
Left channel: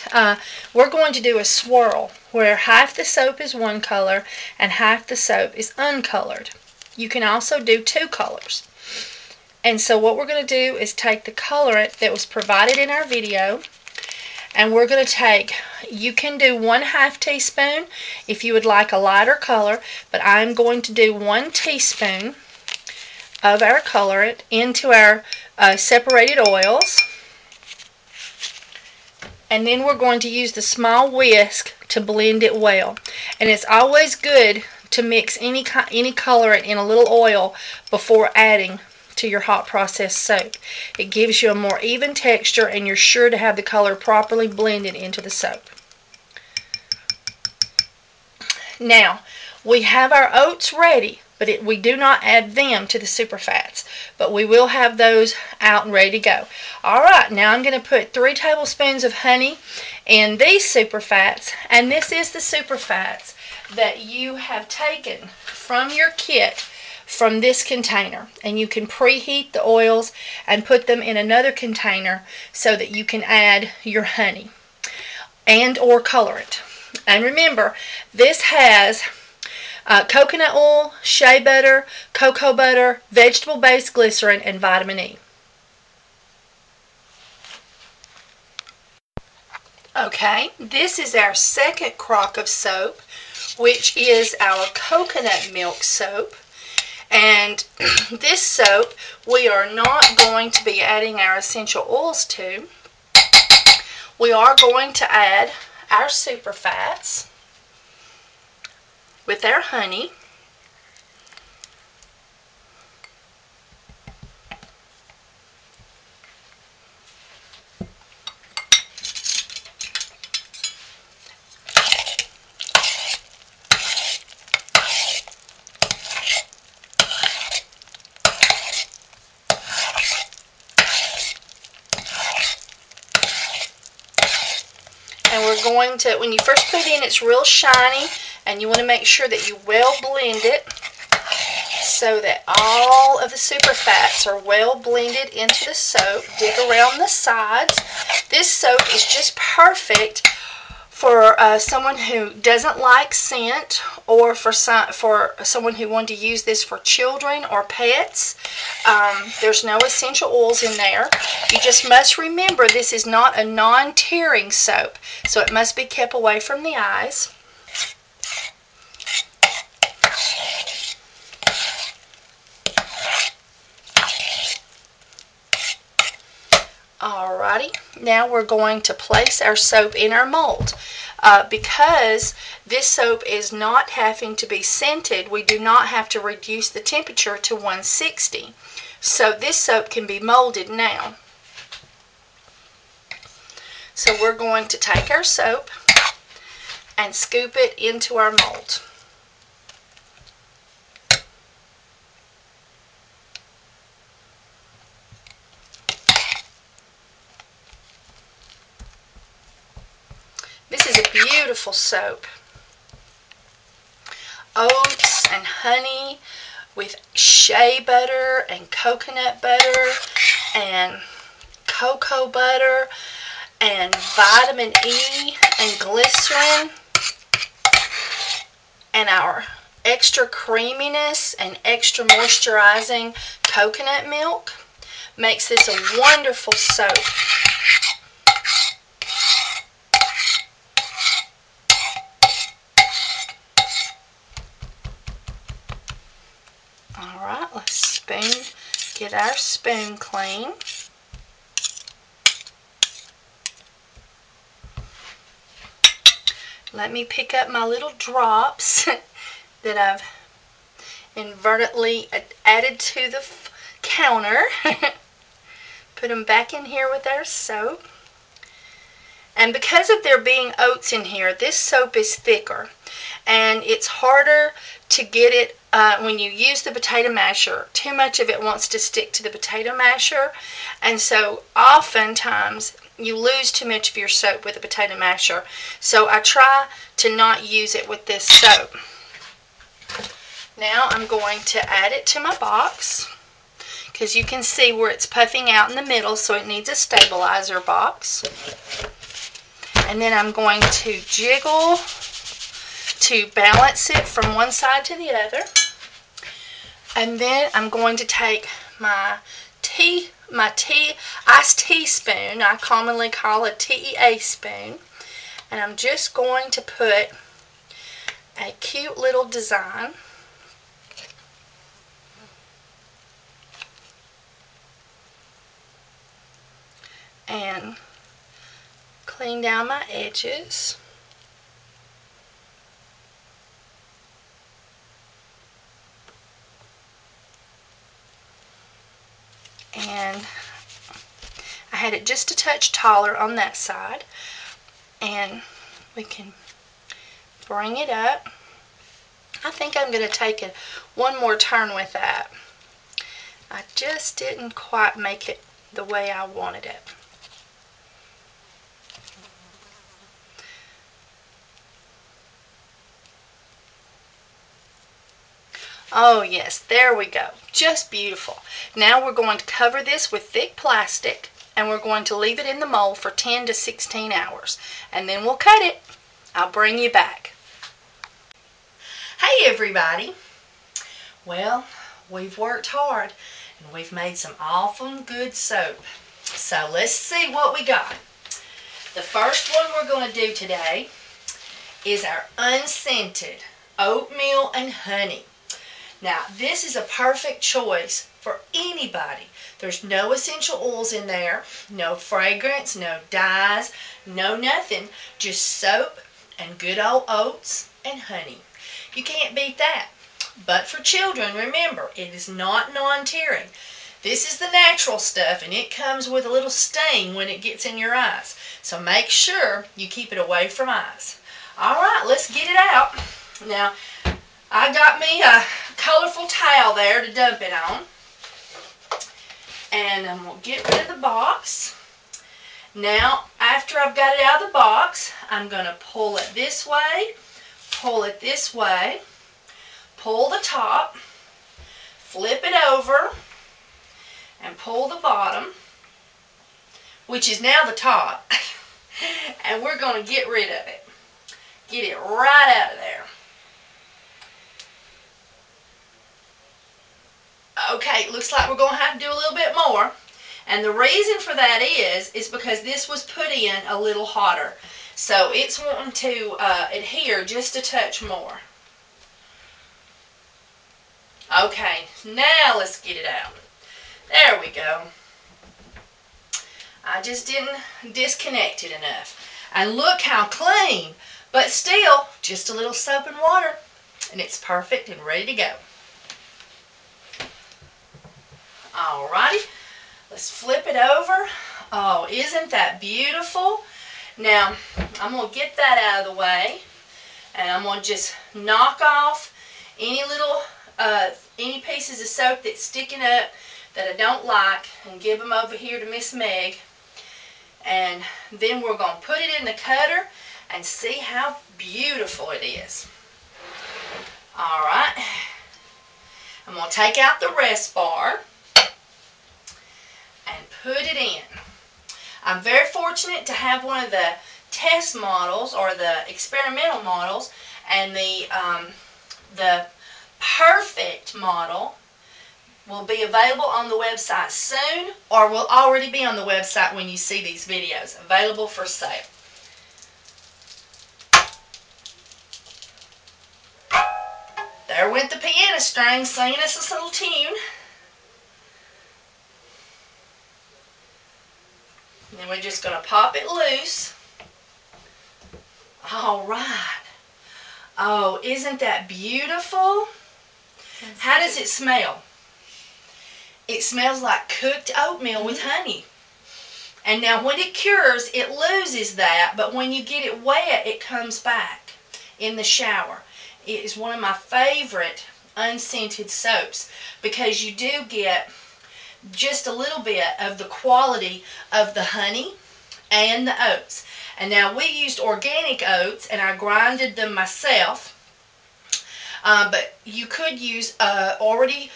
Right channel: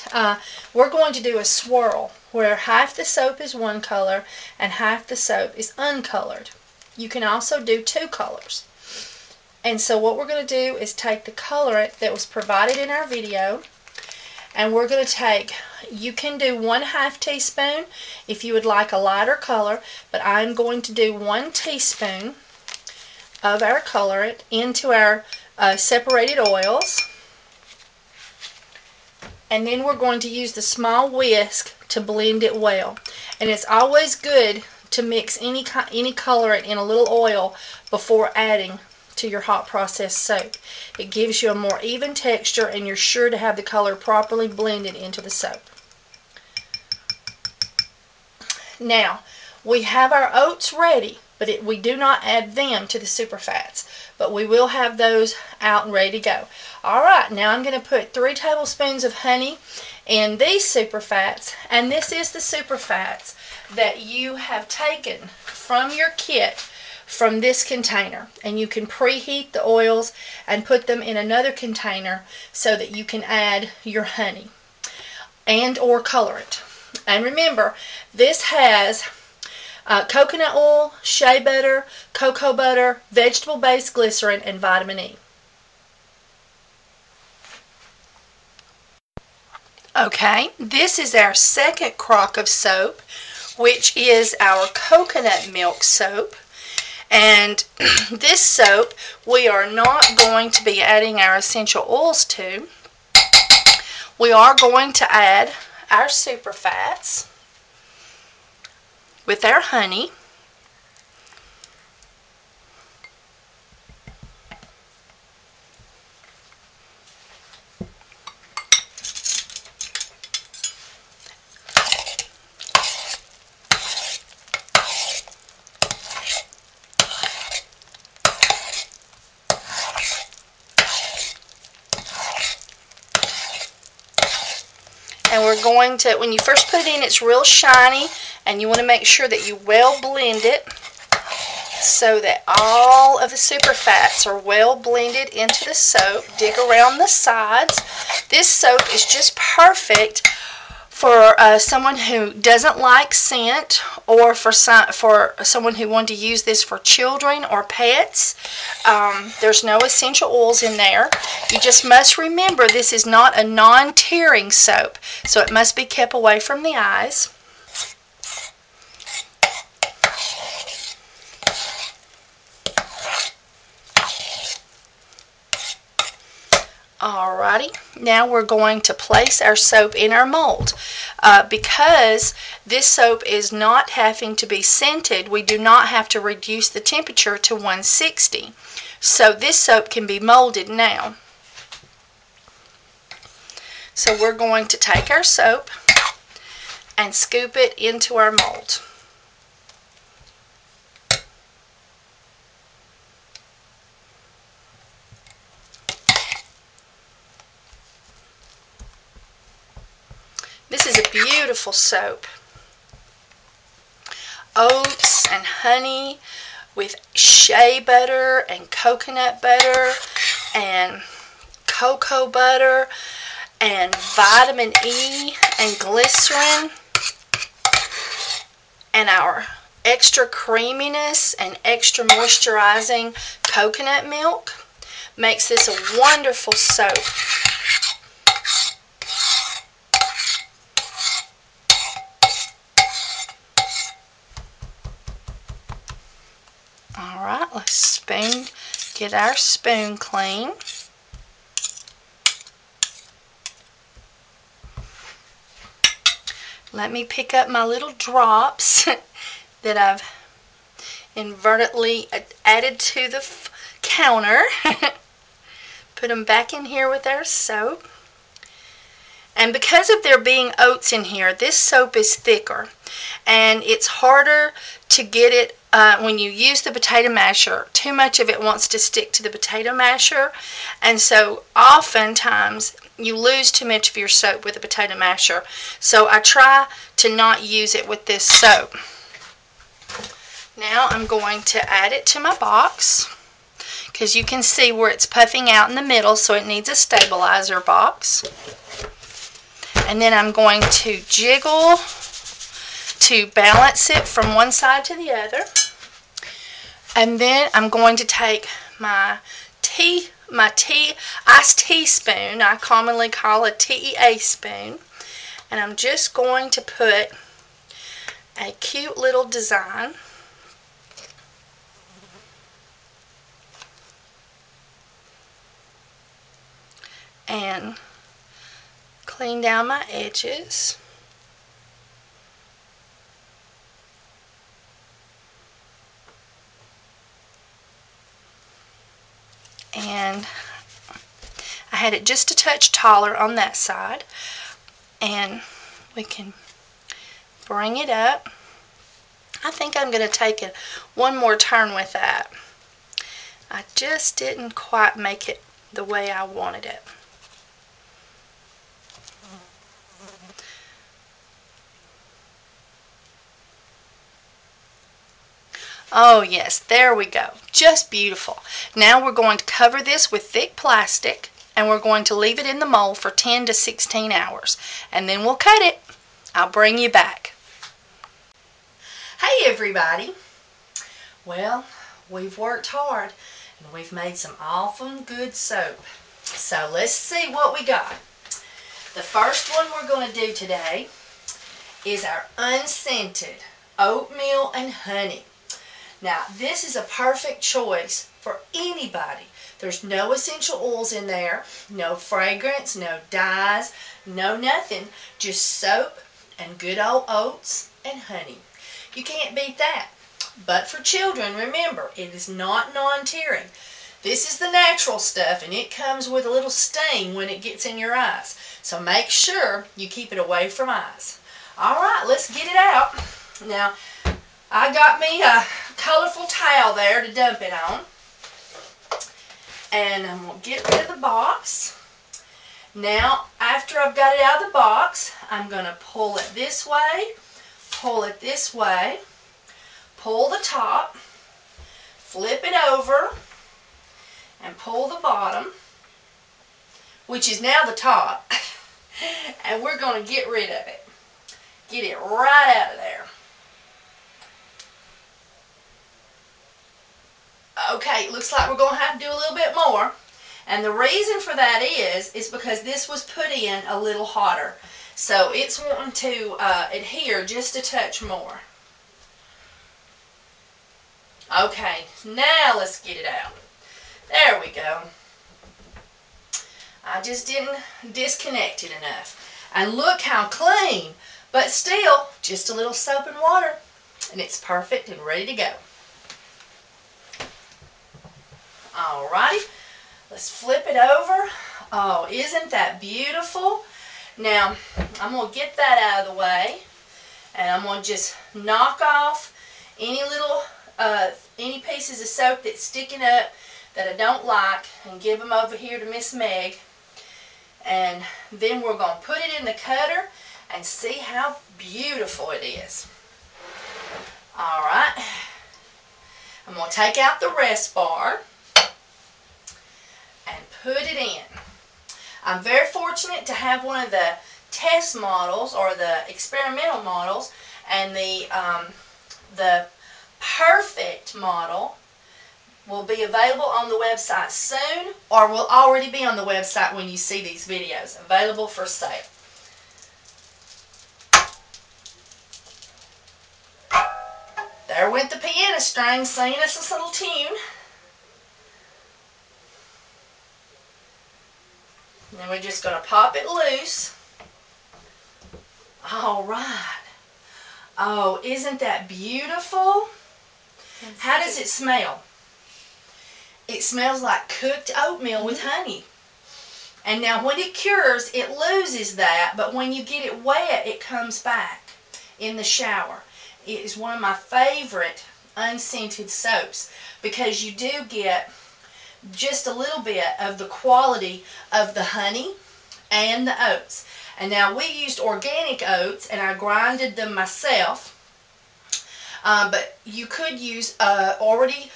do a swirl where half the soap is one color and half the soap is uncolored. You can also do 2 colors. And so what we're going to do is take the colorant that was provided in our video, and we're going to take, you can do 1/2 teaspoon if you would like a lighter color, but I'm going to do 1 teaspoon of our colorant into our separated oils. And then we're going to use the small whisk to blend it well. And it's always good to mix any colorant in a little oil before adding to your hot process soap. It gives you a more even texture and you're sure to have the color properly blended into the soap. Now, we have our oats ready, but we do not add them to the super fats, but we will have those out and ready to go. Alright, now I'm going to put 3 tablespoons of honey in these super fats, and this is the super fats that you have taken from your kit from this container, and you can preheat the oils and put them in another container so that you can add your honey and or colorant. And remember, this has coconut oil, shea butter, cocoa butter, vegetable-based glycerin, and vitamin E. Okay, this is our second crock of soap, which is our coconut milk soap. And this soap we are not going to be adding our essential oils to. We are going to add our super fats with our honey. And we're going to, when you first put it in, it's real shiny, and you want to make sure that you well blend it so that all of the super fats are well blended into the soap. Dig around the sides. This soap is just perfect for someone who doesn't like scent, or for someone who wanted to use this for children or pets. There's no essential oils in there. You just must remember this is not a non-tearing soap, so it must be kept away from the eyes. Alrighty, now we're going to place our soap in our mold. Because this soap is not having to be scented, we do not have to reduce the temperature to 160. So this soap can be molded now. So we're going to take our soap and scoop it into our mold. This is a beautiful soap. Oats and honey with shea butter and coconut butter and cocoa butter and vitamin E and glycerin and our extra creaminess and extra moisturizing coconut milk makes this a wonderful soap. Alright, let's get our spoon clean. Let me pick up my little drops that I've inadvertently added to the counter. Put them back in here with our soap. And because of there being oats in here, this soap is thicker. And it's harder to get it when you use the potato masher. Too much of it wants to stick to the potato masher. And so oftentimes you lose too much of your soap with a potato masher. So I try to not use it with this soap. Now I'm going to add it to my box, because you can see where it's puffing out in the middle, so it needs a stabilizer box. And then I'm going to jiggle to balance it from one side to the other. And then I'm going to take my iced tea spoon, I commonly call a TEA spoon, and I'm just going to put a cute little design and clean down my edges. And I had it just a touch taller on that side, and we can bring it up I think I'm going to take it one more turn with that. I just didn't quite make it the way I wanted it. Oh yes, there we go. Just beautiful. Now we're going to cover this with thick plastic, and we're going to leave it in the mold for 10 to 16 hours. And then we'll cut it. I'll bring you back. Hey everybody. Well, we've worked hard and we've made some awful good soap. So let's see what we got. The first one we're going to do today is our Unscented Oatmeal and Honey. Now, this is a perfect choice for anybody. There's no essential oils in there, no fragrance, no dyes, no nothing. Just soap and good old oats and honey. You can't beat that. But for children, remember, it is not non-tearing. This is the natural stuff, and it comes with a little sting when it gets in your eyes. So make sure you keep it away from eyes. All right, let's get it out. Now, I got me a colorful towel there to dump it on. And I'm going to get rid of the box. Now, after I've got it out of the box, I'm going to pull it this way, pull it this way, pull the top, flip it over, and pull the bottom, which is now the top. And we're going to get rid of it. Get it right out of there. Okay, looks like we're going to have to do a little bit more. And the reason for that is because this was put in a little hotter. So it's wanting to adhere just a touch more. Okay, now let's get it out. There we go. I just didn't disconnect it enough. And look how clean. But still, just a little soap and water. And it's perfect and ready to go. Alrighty, let's flip it over. Oh, isn't that beautiful? Now, I'm going to get that out of the way, and I'm going to just knock off any little, any pieces of soap that's sticking up that I don't like, and give them over here to Miss Meg. And then we're going to put it in the cutter and see how beautiful it is. Alright, I'm going to take out the rest bar and put it in. I'm very fortunate to have one of the test models or the experimental models, and the perfect model will be available on the website soon, or will already be on the website when you see these videos, available for sale. There went the piano string singing us a little tune. Then we're just going to pop it loose. All right. Oh, isn't that beautiful? How does it smell? It smells like cooked oatmeal with honey. And now when it cures, it loses that, but when you get it wet, it comes back in the shower. It is one of my favorite unscented soaps because you do get just a little bit of the quality of the honey and the oats. And now we used organic oats, and I grinded them myself. But you could use already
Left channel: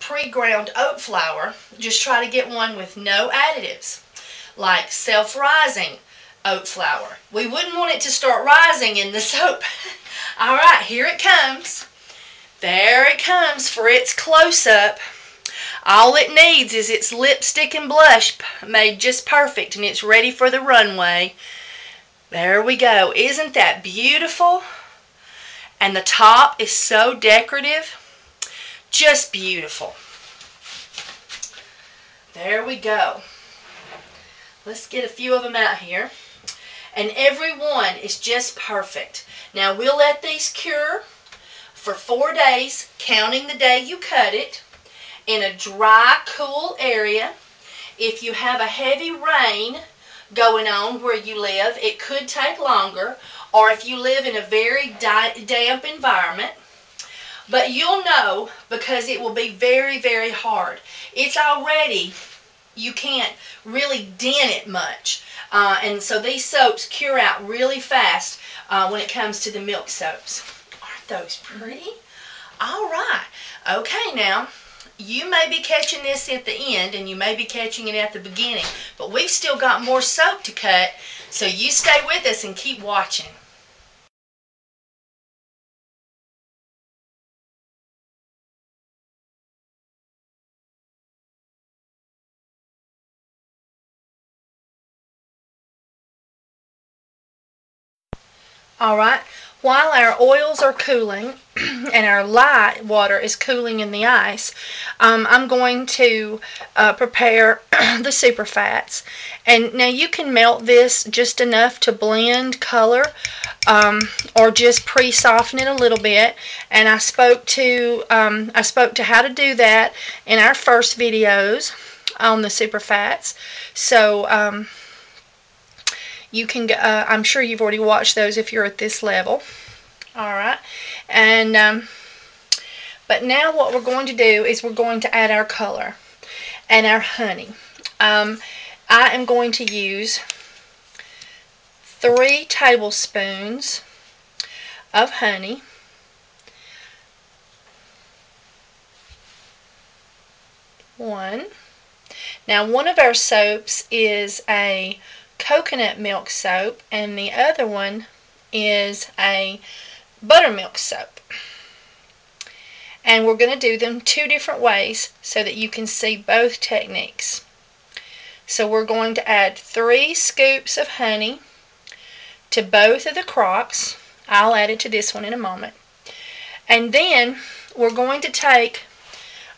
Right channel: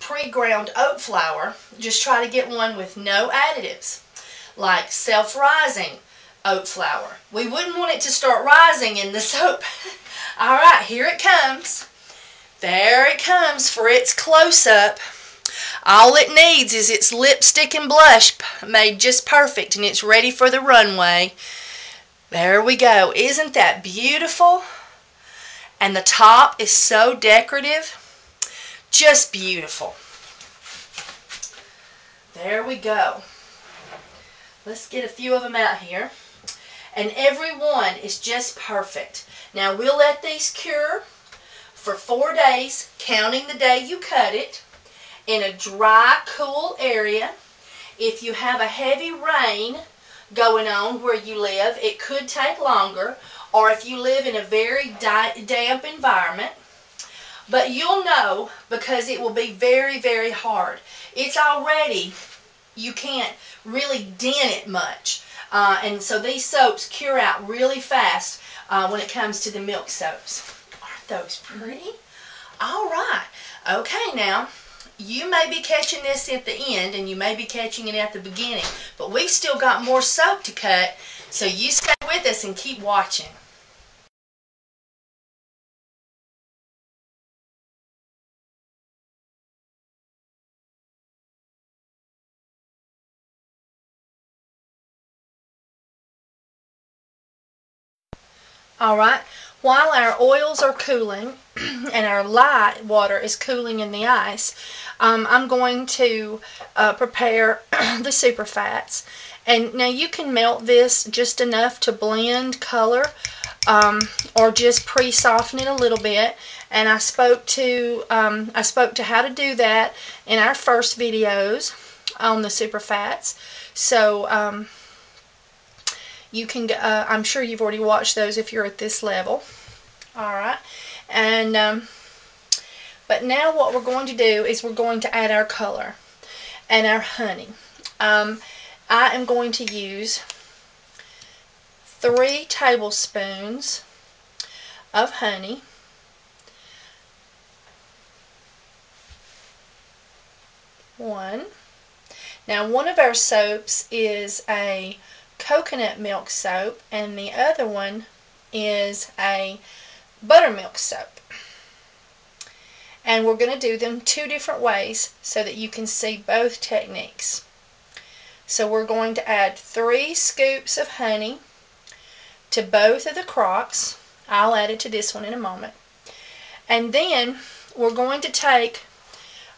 pre-ground oat flour. Just try to get one with no additives, like self-rising oat flour. We wouldn't want it to start rising in the soap. All right, here it comes. There it comes for its close-up. All it needs is its lipstick and blush made just perfect, and it's ready for the runway. There we go. Isn't that beautiful? And the top is so decorative. Just beautiful. There we go. Let's get a few of them out here. And every one is just perfect. Now we'll let these cure for 4 days, counting the day you cut it, in a dry, cool area. If you have a heavy rain going on where you live, it could take longer. Or if you live in a very damp environment, but you'll know because it will be very, very hard. It's already, you can't really dent it much. And so these soaps cure out really fast when it comes to the milk soaps. Aren't those pretty? All right. Okay, now, you may be catching this at the end and you may be catching it at the beginning, but we've still got more soap to cut, so you stay with us and keep watching. Alright, while our oils are cooling and our light water is cooling in the ice, I'm going to prepare the super fats. And now you can melt this just enough to blend color, or just pre-soften it a little bit. And I spoke to how to do that in our first videos on the super fats. So you can, I'm sure you've already watched those if you're at this level. Alright, and but now what we're going to do is we're going to add our color and our honey. I am going to use 3 tablespoons of honey, 1. Now one of our soaps is a coconut milk soap and the other one is a buttermilk soap, and we're going to do them 2 different ways so that you can see both techniques. So we're going to add 3 scoops of honey to both of the crocks. I'll add it to this one in a moment. And then we're going to take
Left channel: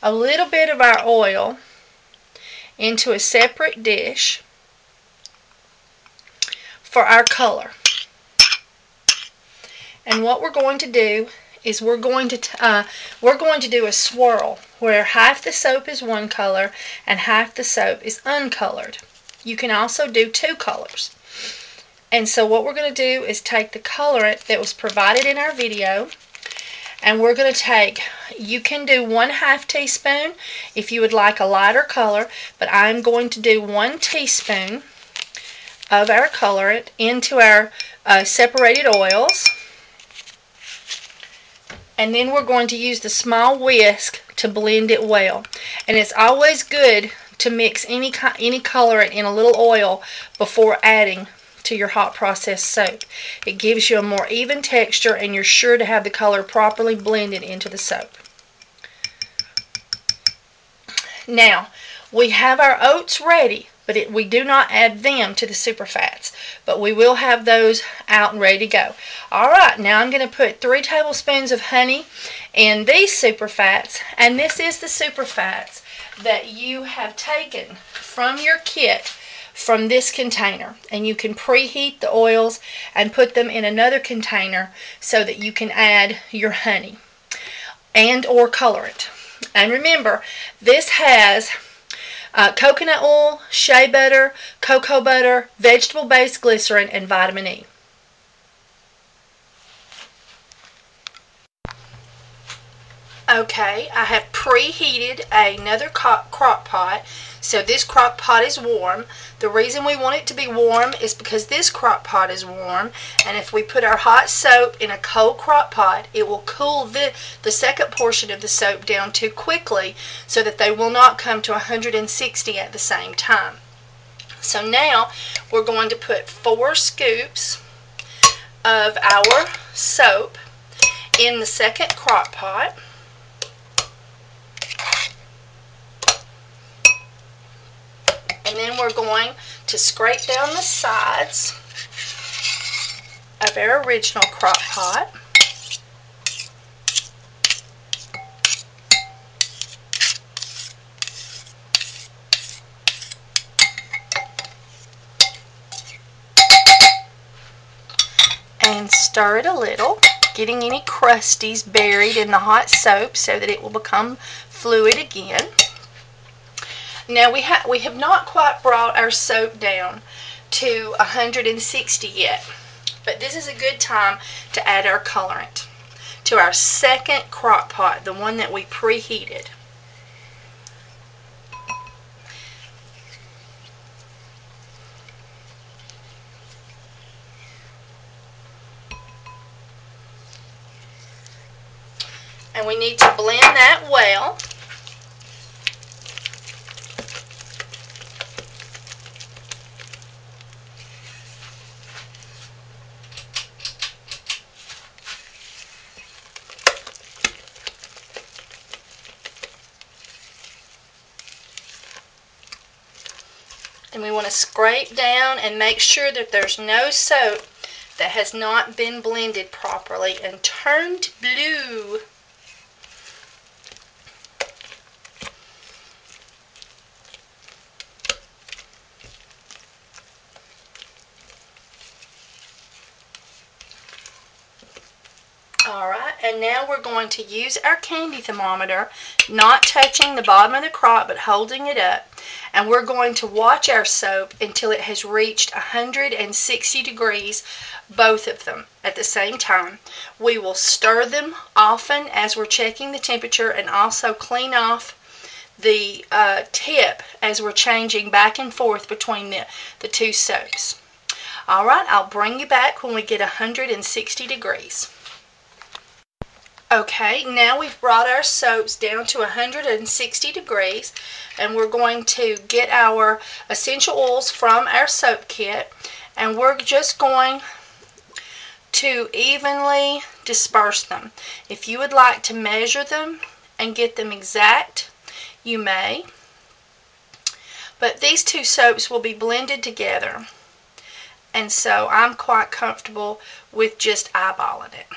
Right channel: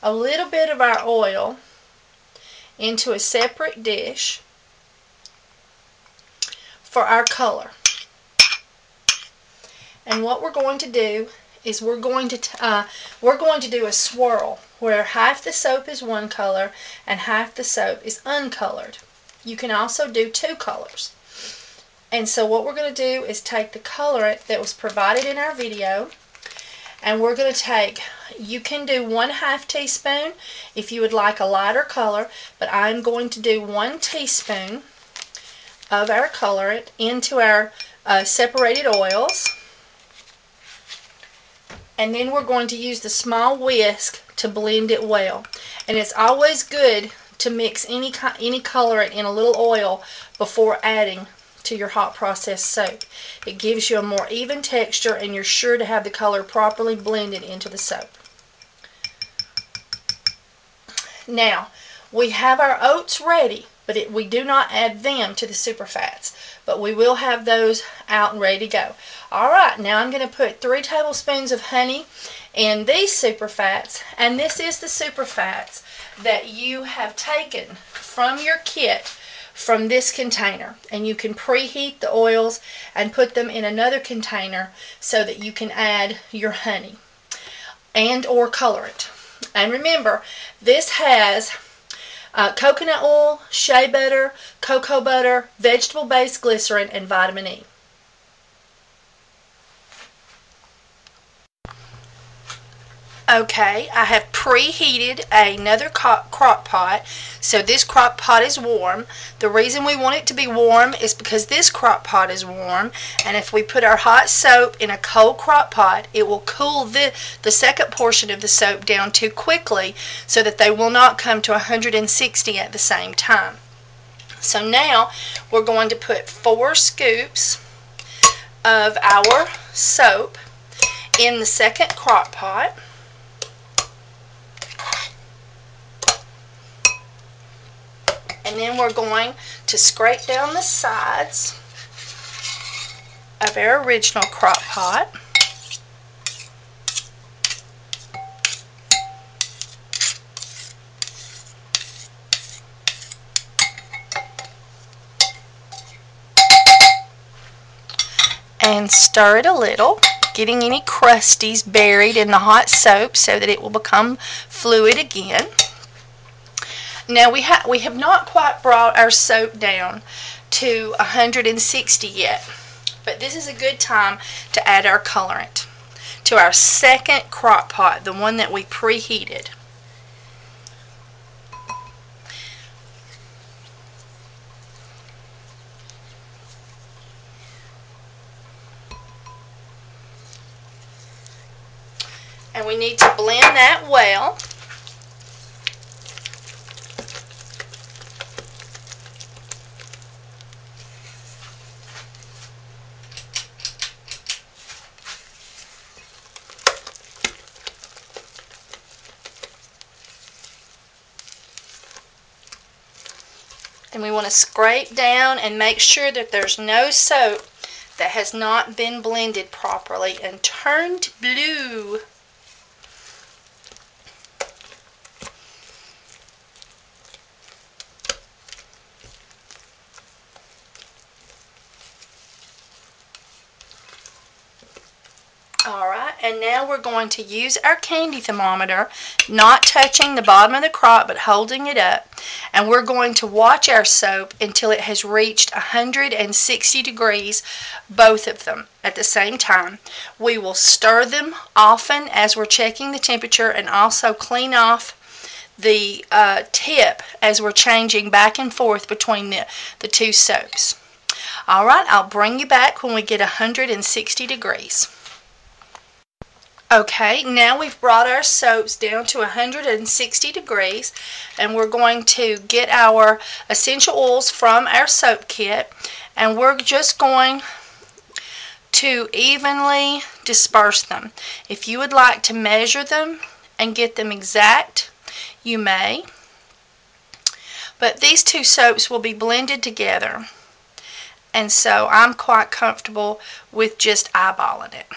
a little bit of our oil into a separate dish for our color. And what we're going to do is we're going to do a swirl where half the soap is one color and half the soap is uncolored. You can also do 2 colors. And so what we're going to do is take the colorant that was provided in our video, and we're going to take, you can do 1/2 teaspoon if you would like a lighter color, but I'm going to do 1 teaspoon of our colorant into our separated oils. And then we're going to use the small whisk to blend it well. And it's always good to mix any colorant in a little oil before adding to your hot process soap. It gives you a more even texture and you're sure to have the color properly blended into the soap. Now, we have our oats ready, but we do not add them to the super fats, but we will have those out and ready to go. Alright, now I'm going to put 3 tablespoons of honey in these super fats, and this is the super fats that you have taken from your kit from this container, and you can preheat the oils and put them in another container so that you can add your honey and or colorant. And remember, this has coconut oil, shea butter, cocoa butter, vegetable-based glycerin, and vitamin E. Okay, I have preheated another crock pot, so this crock pot is warm. The reason we want it to be warm is because this crock pot is warm, and if we put our hot soap in a cold crock pot, it will cool the second portion of the soap down too quickly so that they will not come to 160 at the same time. So now we're going to put 4 scoops of our soap in the second crock pot. And then we're going to scrape down the sides of our original crock pot. And stir it a little, getting any crusties buried in the hot soap so that it will become fluid again. Now we have not quite brought our soap down to 160 yet, but this is a good time to add our colorant. to our second crock pot, the one that we preheated. And we need to blend that well. And we want to scrape down and make sure that there's no soap that has not been blended properly and turned blue. Alright, and now we're going to use our candy thermometer, not touching the bottom of the crock but holding it up, and we're going to watch our soap until it has reached 160 degrees, both of them at the same time. We will stir them often as we're checking the temperature, and also clean off the tip as we're changing back and forth between the two soaps. Alright, I'll bring you back when we get 160 degrees. Okay, now we've brought our soaps down to 160 degrees, and we're going to get our essential oils from our soap kit, and we're just going to evenly disperse them. If you would like to measure them and get them exact, you may, but these two soaps will be blended together, and so I'm quite comfortable with just eyeballing it.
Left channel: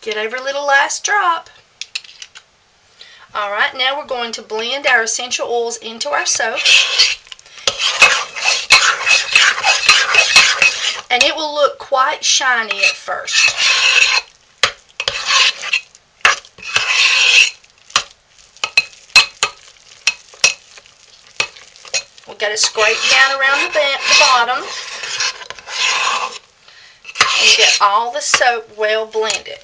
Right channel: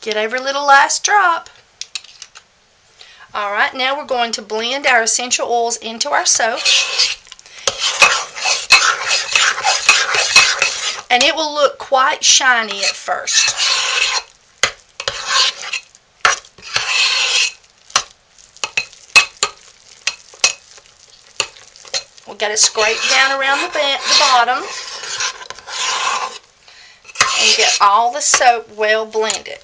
Get every little last drop. Alright, now we're going to blend our essential oils into our soap. And it will look quite shiny at first. We've got to scrape down around the bottom and get all the soap well blended.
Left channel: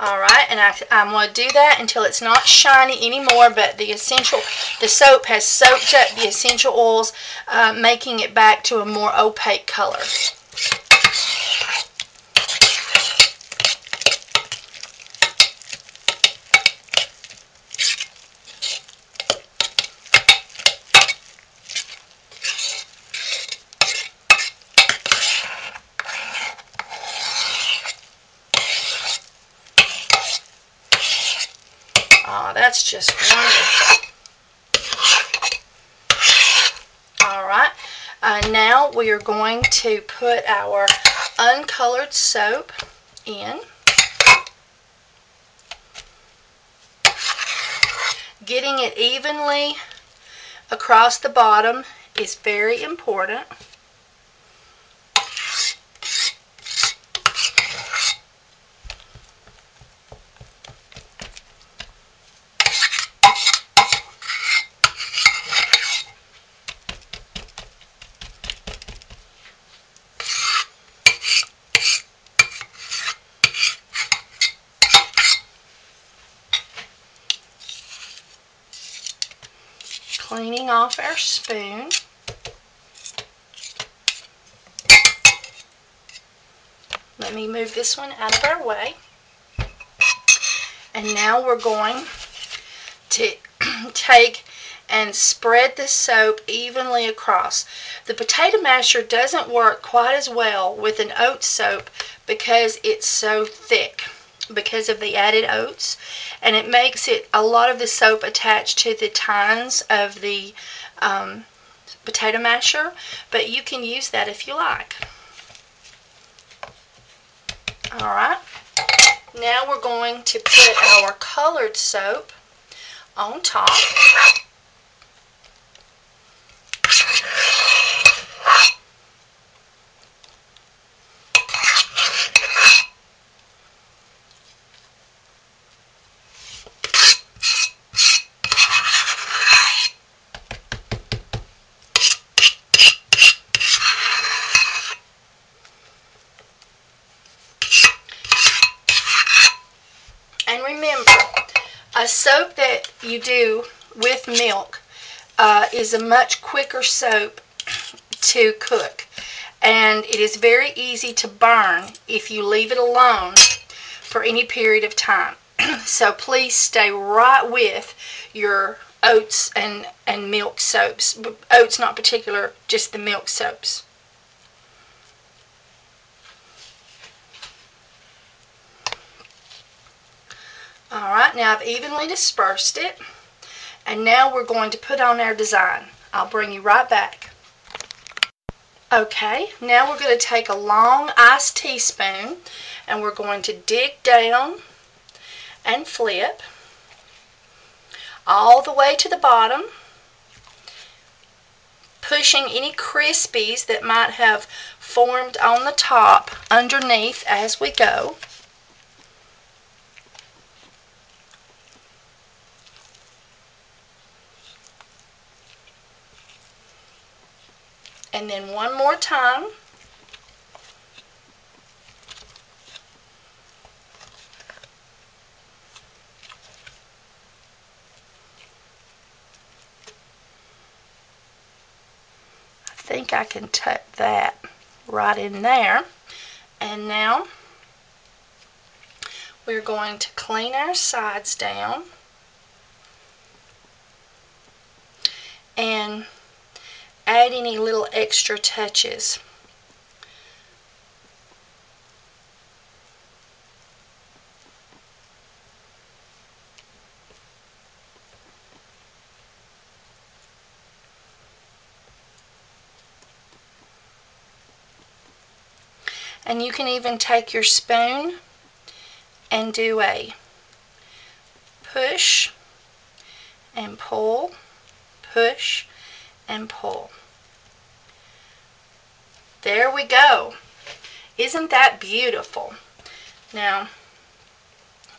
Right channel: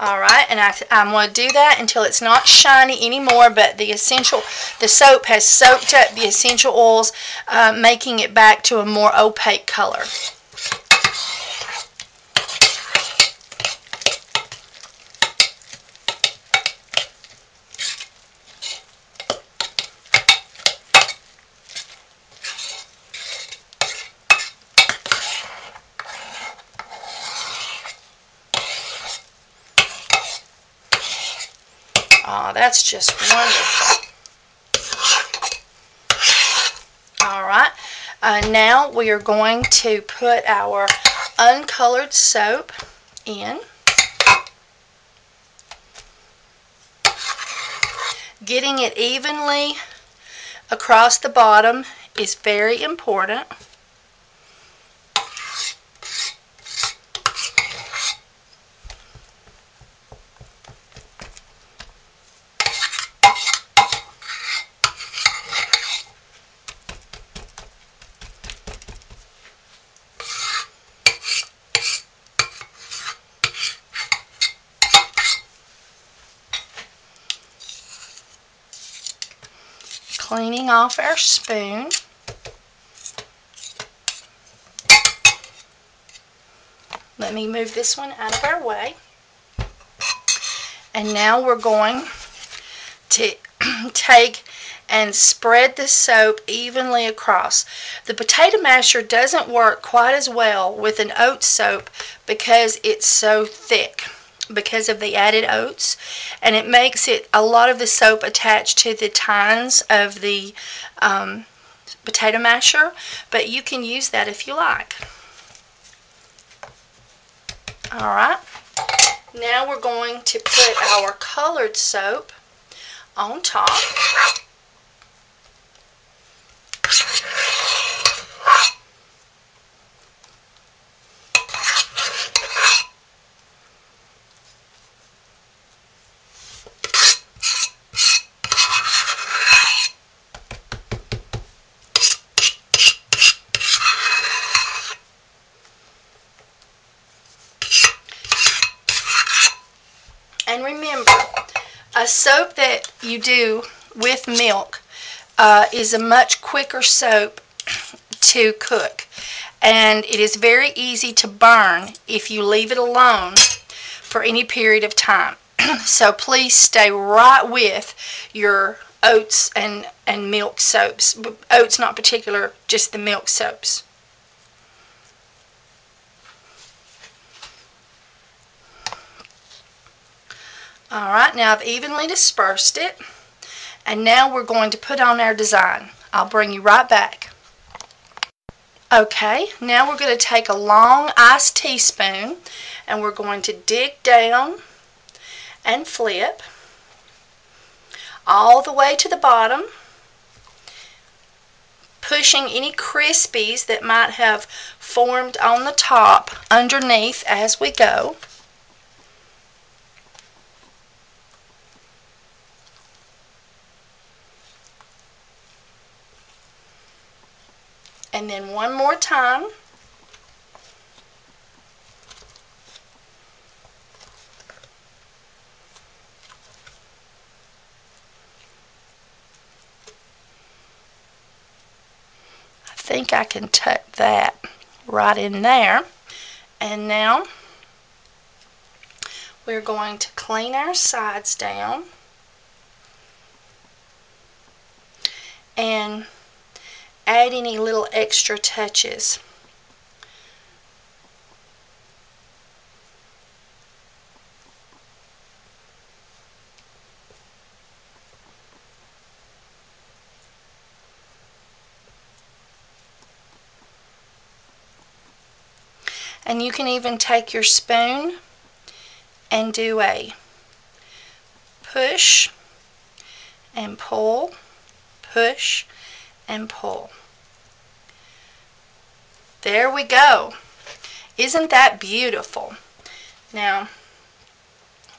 Alright, and I'm going to do that until it's not shiny anymore, but the soap has soaked up the essential oils, making it back to a more opaque color. Oh, that's just wonderful. Alright, now we are going to put our uncolored soap in. Getting it evenly across the bottom is very important. Cleaning off our spoon. Let me move this one out of our way. And now we're going to take and spread the soap evenly across. The potato masher doesn't work quite as well with an oat soap because it's so thick, because of the added oats, and it makes it a lot of the soap attached to the tines of the potato masher, but you can use that if you like. Alright, now we're going to put our colored soap on top. And remember, a soap that you do with milk is a much quicker soap to cook. And it is very easy to burn if you leave it alone for any period of time. So please stay right with your oats and milk soaps. Oats not particular, just the milk soaps. Alright, now I've evenly dispersed it. And now we're going to put on our design. I'll bring you right back. Okay, now we're going to take a long iced teaspoon and we're going to dig down and flip all the way to the bottom, pushing any crispies that might have formed on the top underneath as we go. And then one more time. I think I can tuck that right in there. And now we're going to clean our sides down and add any little extra touches. And you can even take your spoon and do a push and pull, push and pull. There we go. Isn't that beautiful? Now,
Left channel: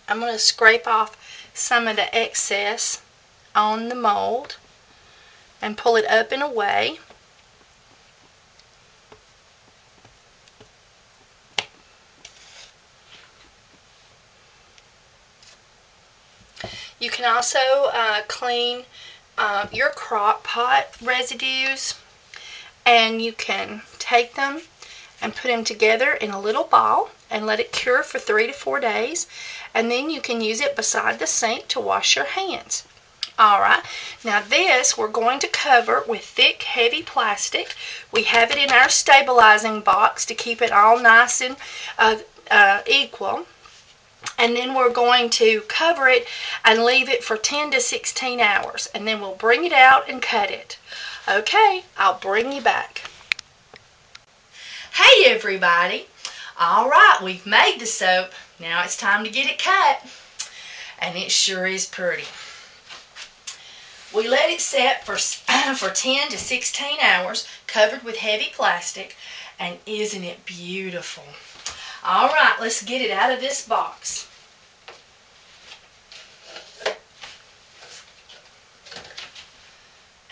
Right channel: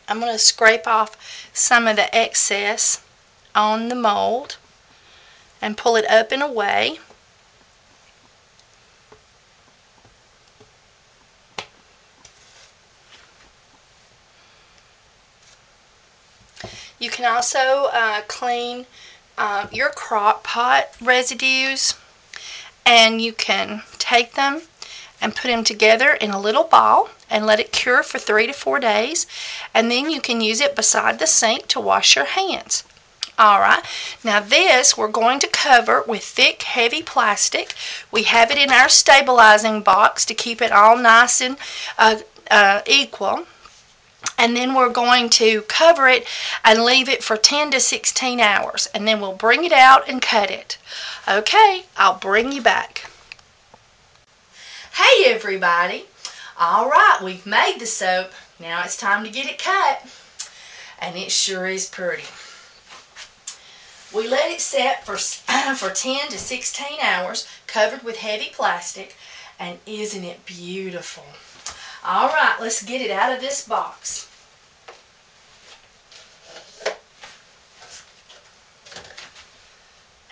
I'm going to scrape off some of the excess on the mold and pull it up and away. You can also clean your crock pot residues, and you can take them and put them together in a little ball and let it cure for 3 to 4 days, and then you can use it beside the sink to wash your hands. Alright, now this we're going to cover with thick, heavy plastic. We have it in our stabilizing box to keep it all nice and equal. And then we're going to cover it and leave it for 10 to 16 hours. And then we'll bring it out and cut it. Okay, I'll bring you back. Hey everybody. Alright, we've made the soap. Now it's time to get it cut. And it sure is pretty. We let it set for 10 to 16 hours, covered with heavy plastic. And isn't it beautiful? Alright, let's get it out of this box.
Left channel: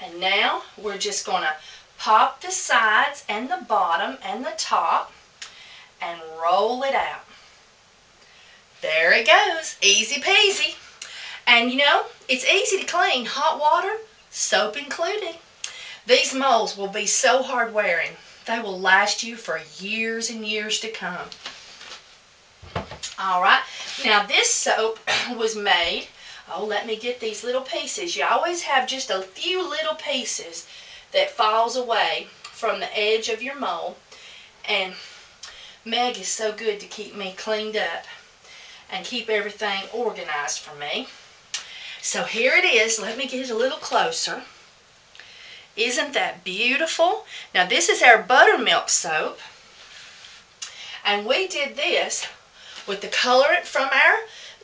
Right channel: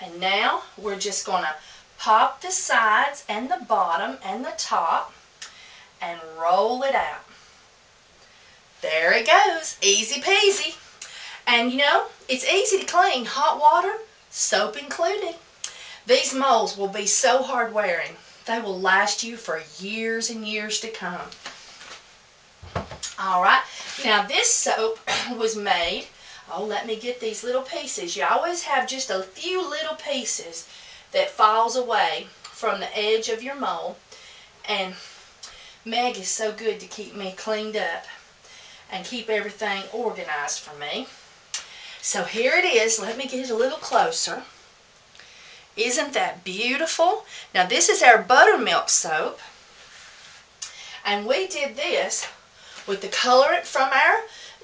And now we're just going to pop the sides and the bottom and the top and roll it out. There it goes. Easy peasy. And you know, it's easy to clean. Hot water, soap included. These molds will be so hard wearing. They will last you for years and years to come. Alright, now this soap was made, let me get these little pieces. You always have just a few little pieces that falls away from the edge of your mold. And Meg is so good to keep me cleaned up and keep everything organized for me. So here it is. Let me get it a little closer. Isn't that beautiful? Now this is our buttermilk soap. And we did this with the colorant from our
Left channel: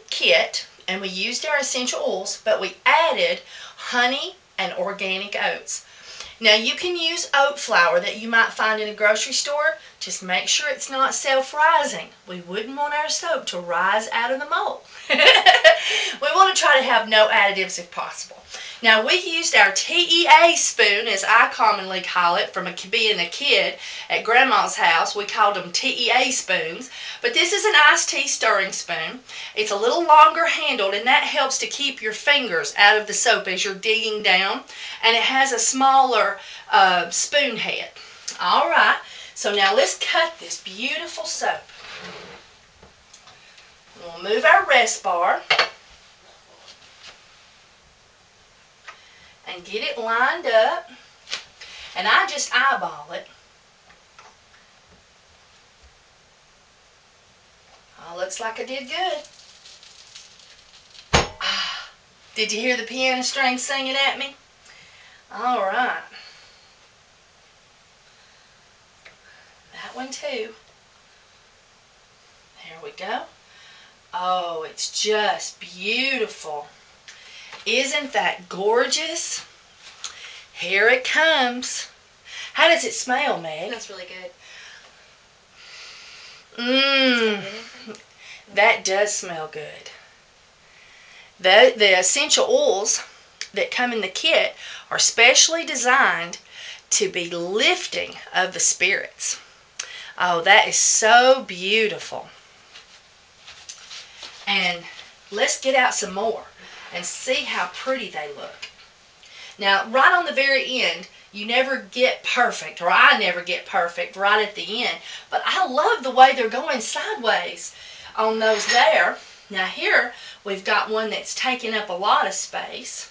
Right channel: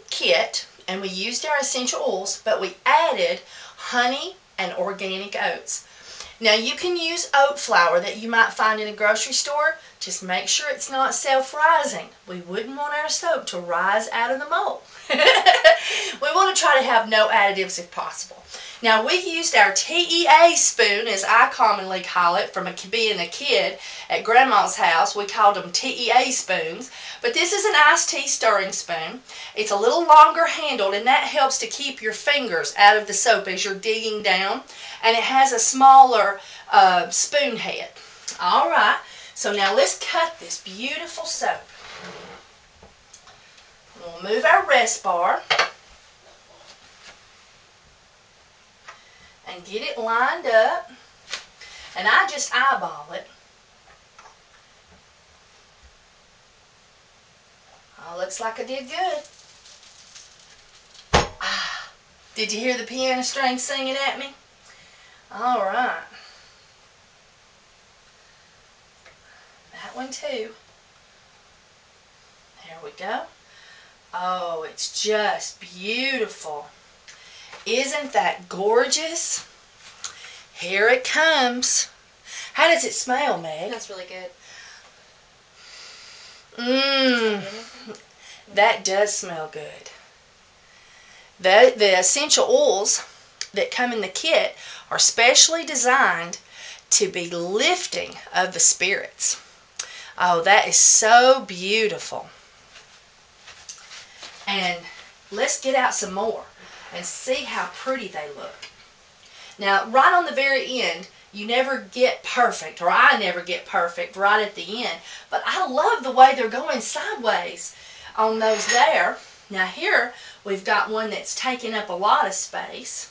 kit, and we used our essential oils, but we added honey and organic oats. Now you can use oat flour that you might find in a grocery store. Just make sure it's not self-rising. We wouldn't want our soap to rise out of the mold. We want to try to have no additives if possible. Now, we used our TEA spoon, as I commonly call it, from being a kid at Grandma's house. We called them TEA spoons. But this is an iced tea stirring spoon. It's a little longer handled, and that helps to keep your fingers out of the soap as you're digging down. And it has a smaller spoon head. All right, so now let's cut this beautiful soap. We'll move our rest bar and get it lined up, and I just eyeball it. Oh, looks like I did good. Ah, did you hear the piano string singing at me? All right. That one too. There we go. Oh, it's just beautiful. Isn't that gorgeous? Here it comes. How does it smell, Meg? That's really good. Mmm. That does smell good. The essential oils that come in the kit are specially designed to be lifting of the spirits. Oh, that is so beautiful. And let's get out some more and see how pretty they look. Now, right on the very end, you never get perfect, or I never get perfect right at the end, but I love the way they're going sideways on those there. Now here, we've got one that's taking up a lot of space.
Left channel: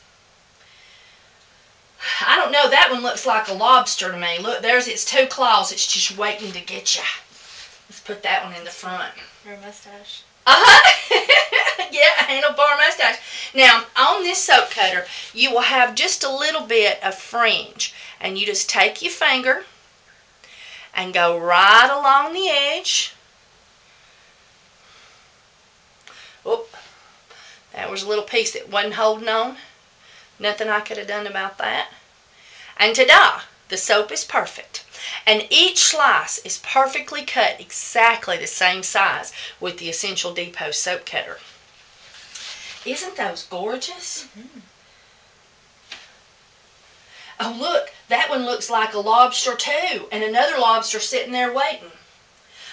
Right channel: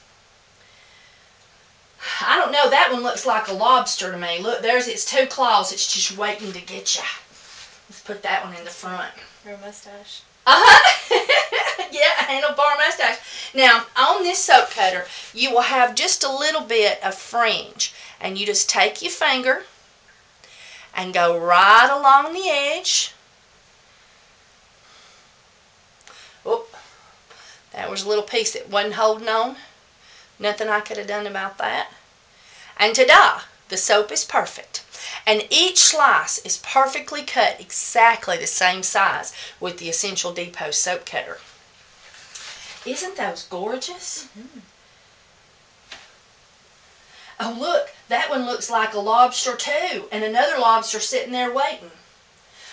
I don't know, that one looks like a lobster to me. Look, there's its two claws. It's just waiting to get you. Let's put that one in the front. Or a mustache. Yeah, a handlebar mustache. Now, on this soap cutter, you will have just a little bit of fringe. And you just take your finger and go right along the edge. Oh, that was a little piece that wasn't holding on. Nothing I could have done about that. And ta-da! The soap is perfect. And each slice is perfectly cut exactly the same size with the Essential Depot soap cutter. Isn't those gorgeous? Mm-hmm. Oh, look, that one looks like a lobster too, and another lobster sitting there waiting.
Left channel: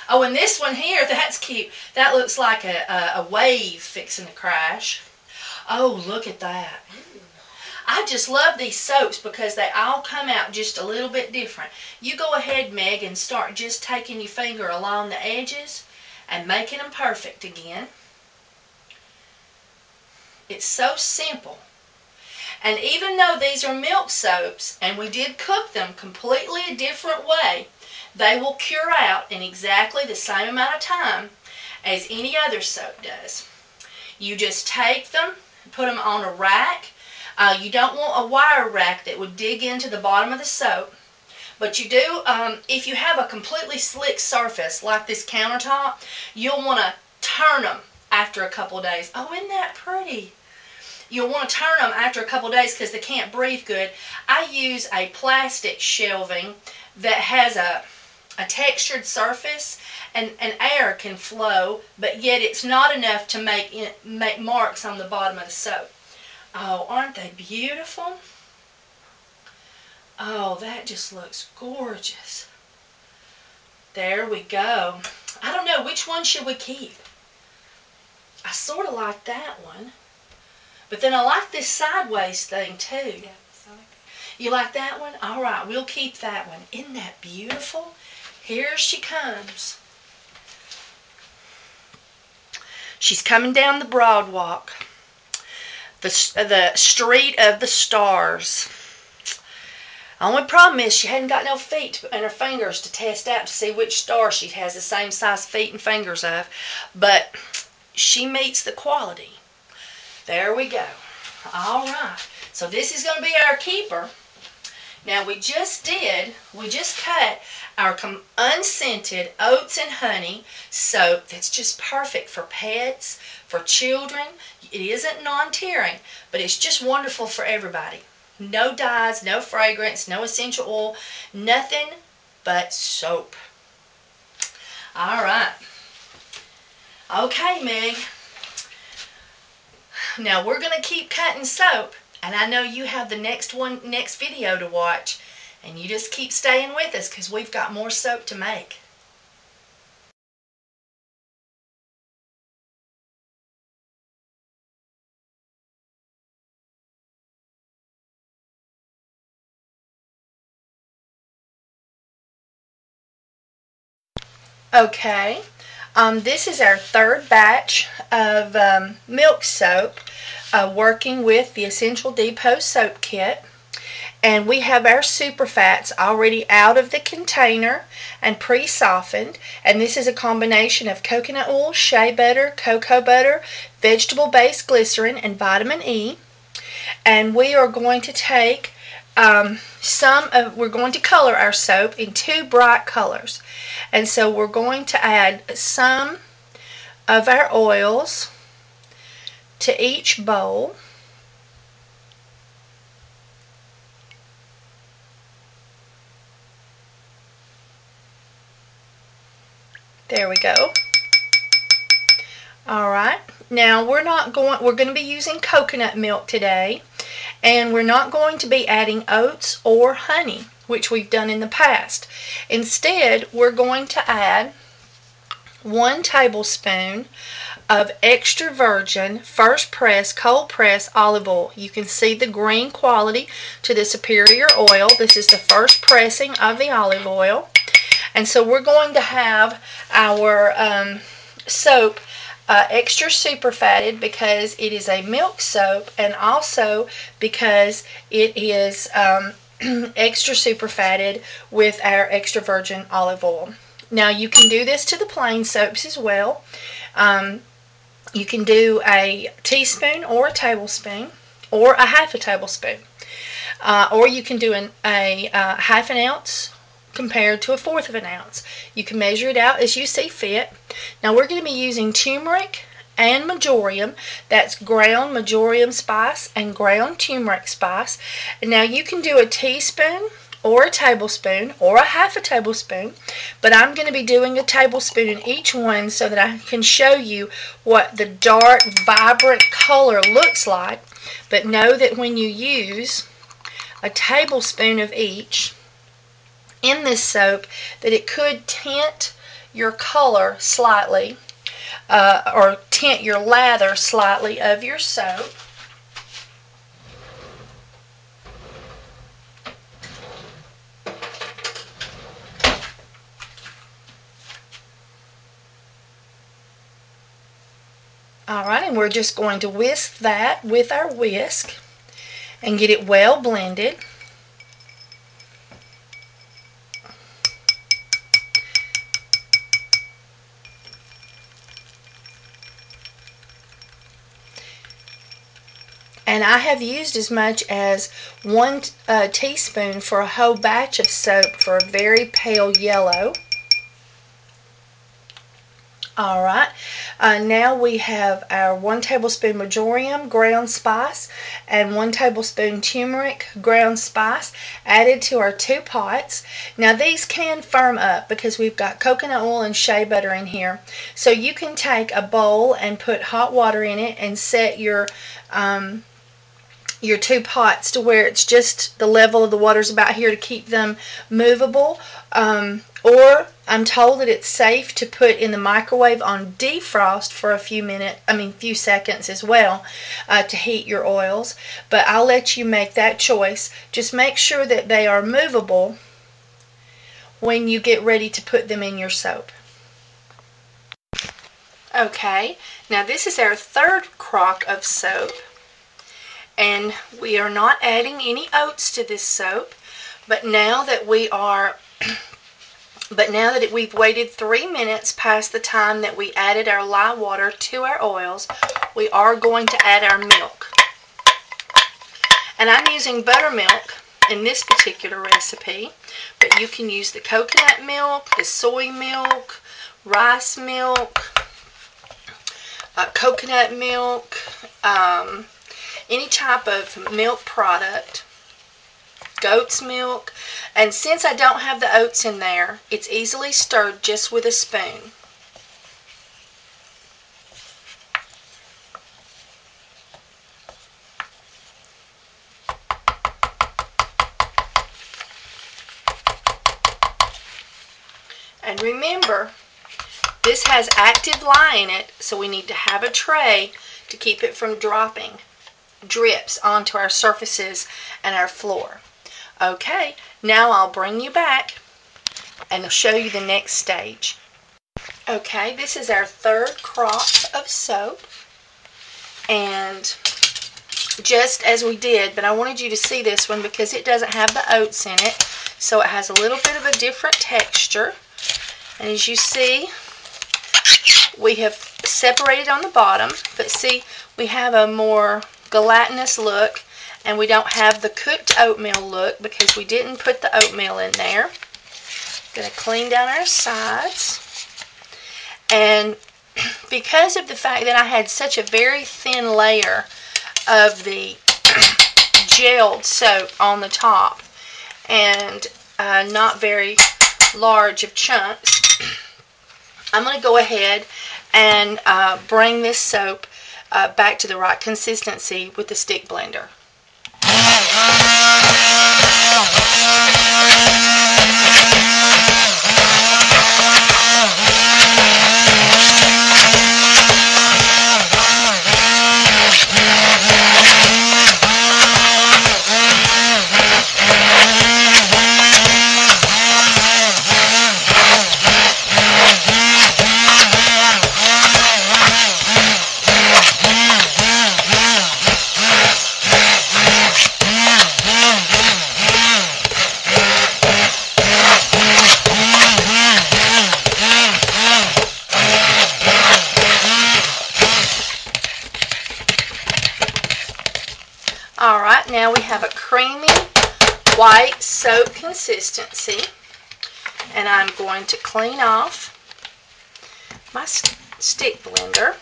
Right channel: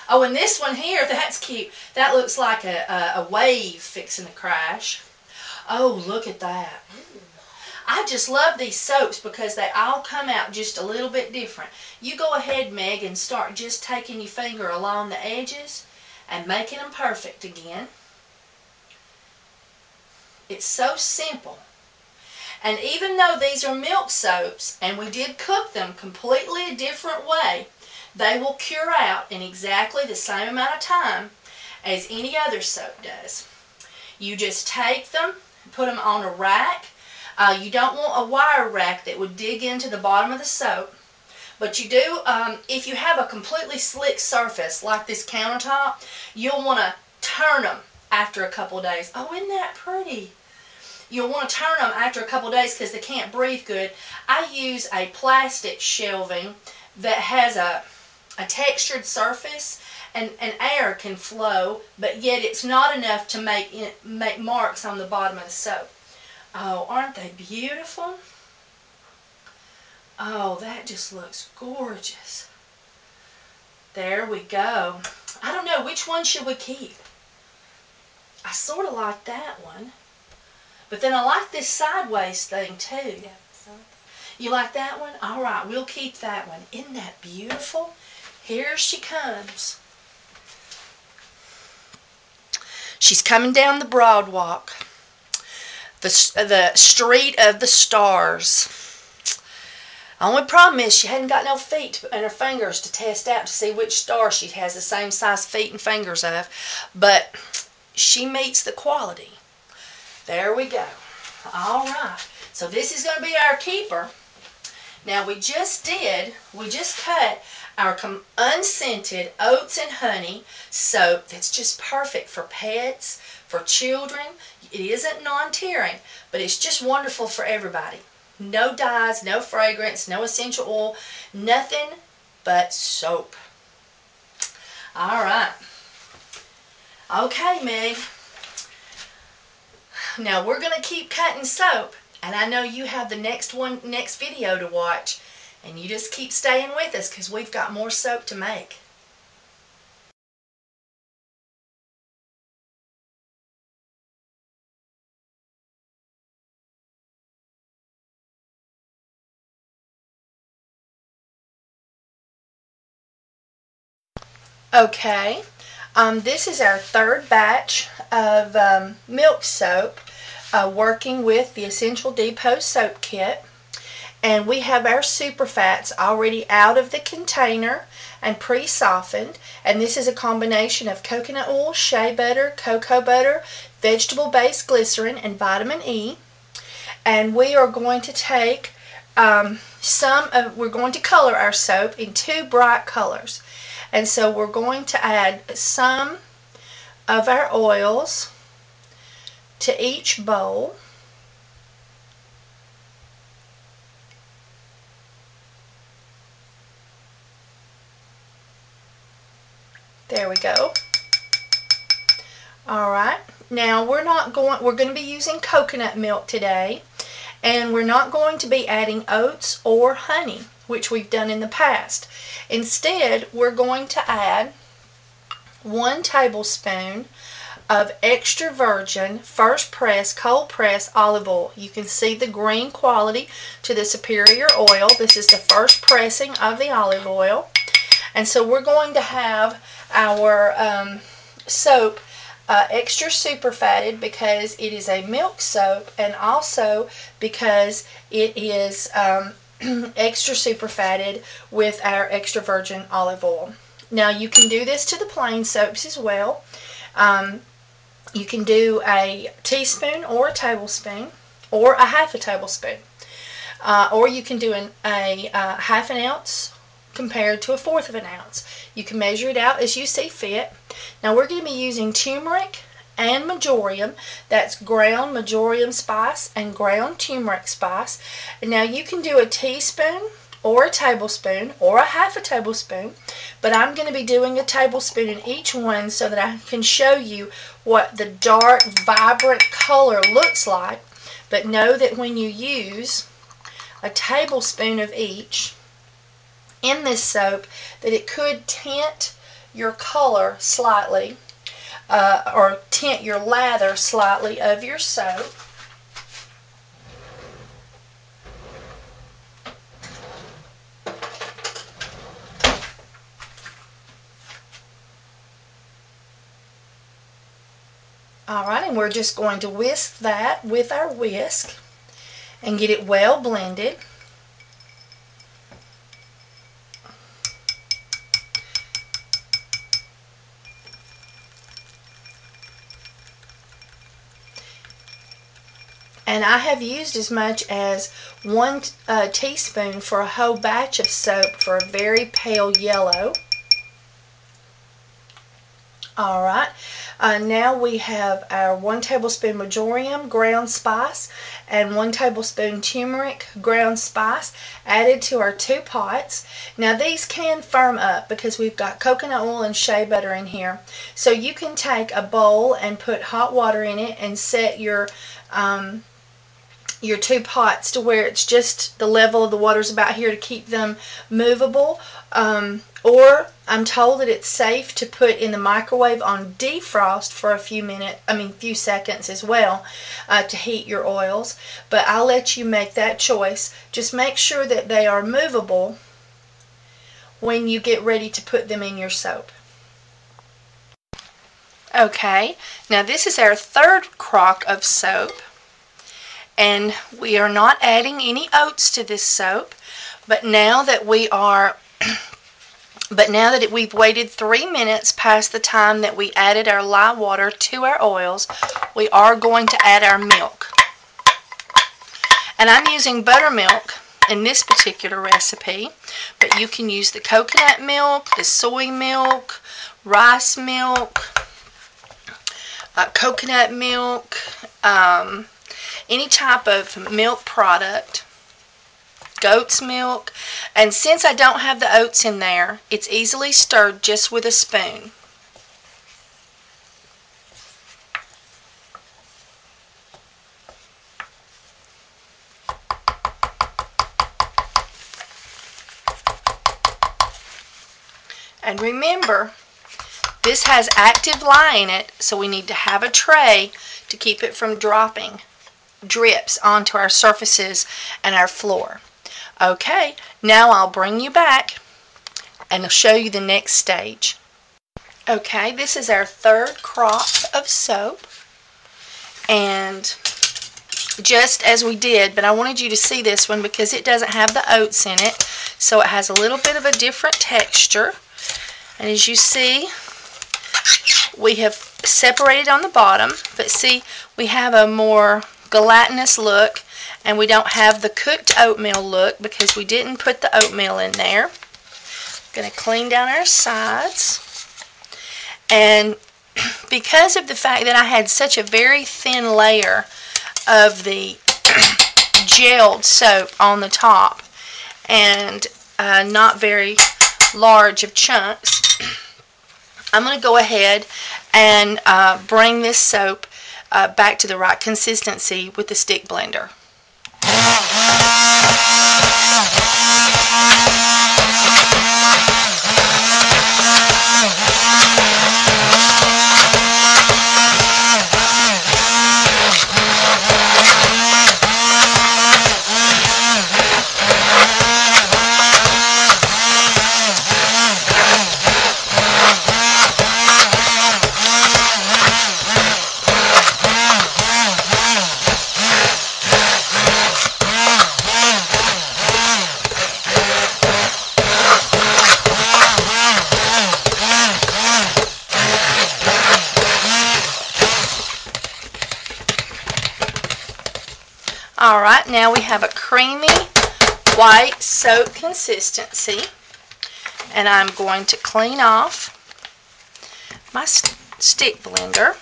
Oh, and this one here, that's cute. That looks like a wave fixing to crash. Oh, look at that. I just love these soaps because they all come out just a little bit different. You go ahead, Meg, and start just taking your finger along the edges and making them perfect again. It's so simple. And even though these are milk soaps, and we did cook them completely a different way, they will cure out in exactly the same amount of time as any other soap does. You just take them, put them on a rack. You don't want a wire rack that would dig into the bottom of the soap. But you do, if you have a completely slick surface like this countertop, you'll want to turn them after a couple of days. Oh, isn't that pretty? You'll want to turn them after a couple of days because they can't breathe good. I use a plastic shelving that has a textured surface, and air can flow, but yet it's not enough to make marks on the bottom of the soap. Oh, aren't they beautiful? Oh, that just looks gorgeous. There we go. I don't know, which one should we keep? I sort of like that one. But then I like this sideways thing too. Yeah, I like that. You like that one? All right, we'll keep that one. Isn't that beautiful? Here she comes. She's coming down the broad walk. The street of the stars. Only problem is she hadn't got no feet and her fingers to test out to see which star she has the same size feet and fingers of. But she meets the quality. There we go. All right. So this is going to be our keeper. Now we just cut our unscented oats and honey soap that's just perfect for pets, for children. It isn't non-tearing, but it's just wonderful for everybody. No dyes, no fragrance, no essential oil, nothing but soap. All right. Okay, Meg. Now we're going to keep cutting soap And I know you have the next video to watch, and you just keep staying with us because we've got more soap to make. Okay, this is our third batch of milk soap working with the Essential Depot soap kit. And we have our super fats already out of the container and pre-softened. And this is a combination of coconut oil, shea butter, cocoa butter, vegetable-based glycerin, and vitamin E. And we are going to take we're going to color our soap in 2 bright colors. And so we're going to add some of our oils to each bowl. There we go. Alright, now we're going to be using coconut milk today, and we're not going to be adding oats or honey, which we've done in the past. Instead, we're going to add 1 tablespoon of extra virgin first press cold press olive oil. You can see the green quality to the superior oil. This is the first pressing of the olive oil. And so we're going to have our soap extra super fatted because it is a milk soap, and also because it is extra super fatted with our extra virgin olive oil. Now you can do this to the plain soaps as well. You can do a teaspoon or a tablespoon or a half a tablespoon, or you can do a half an ounce compared to a 1/4 of an ounce. You can measure it out as you see fit. Now we're going to be using turmeric and marjoram. That's ground marjoram spice and ground turmeric spice. And now you can do a teaspoon or a tablespoon or a half a tablespoon, but I'm going to be doing a tablespoon in each one so that I can show you what the dark, vibrant color looks like. But know that when you use a tablespoon of each in this soap, that it could tint your color slightly, or tint your lather slightly of your soap. Alright, and we're just going to whisk that with our whisk and get it well blended. And I have used as much as 1 teaspoon for a whole batch of soap for a very pale yellow. Alright, now we have our 1 tablespoon marjoram ground spice and 1 tablespoon turmeric ground spice added to our 2 pots. Now these can firm up because we've got coconut oil and shea butter in here. So you can take a bowl and put hot water in it and set your 2 pots to where it's just the level of the water's about here to keep them movable. Or I'm told that it's safe to put in the microwave on defrost for a few seconds as well, to heat your oils. But I'll let you make that choice. Just make sure that they are movable when you get ready to put them in your soap. Okay, now this is our 3rd crock of soap. And we are not adding any oats to this soap, but now that we've waited 3 minutes past the time that we added our lye water to our oils, we are going to add our milk. And I'm using buttermilk in this particular recipe, but you can use the coconut milk, the soy milk, rice milk, coconut milk, any type of milk product, goat's milk. And since I don't have the oats in there, it's easily stirred just with a spoon. And remember, this has active lye in it, so we need to have a tray to keep it from dropping drips onto our surfaces and our floor. Okay, now I'll bring you back and I'll show you the next stage. Okay, this is our third crop of soap, and just as we did, but I wanted you to see this one because it doesn't have the oats in it, so it has a little bit of a different texture. And as you see, we have separated on the bottom, but see, we have a more gelatinous look, and we don't have the cooked oatmeal look because we didn't put the oatmeal in there. Going to clean down our sides. And because of the fact that I had such a very thin layer of the gelled soap on the top and not very large of chunks, I'm going to go ahead and bring this soap back to the right consistency with the stick blender. Alright, now we have a creamy white soap consistency, and I'm going to clean off my stick blender.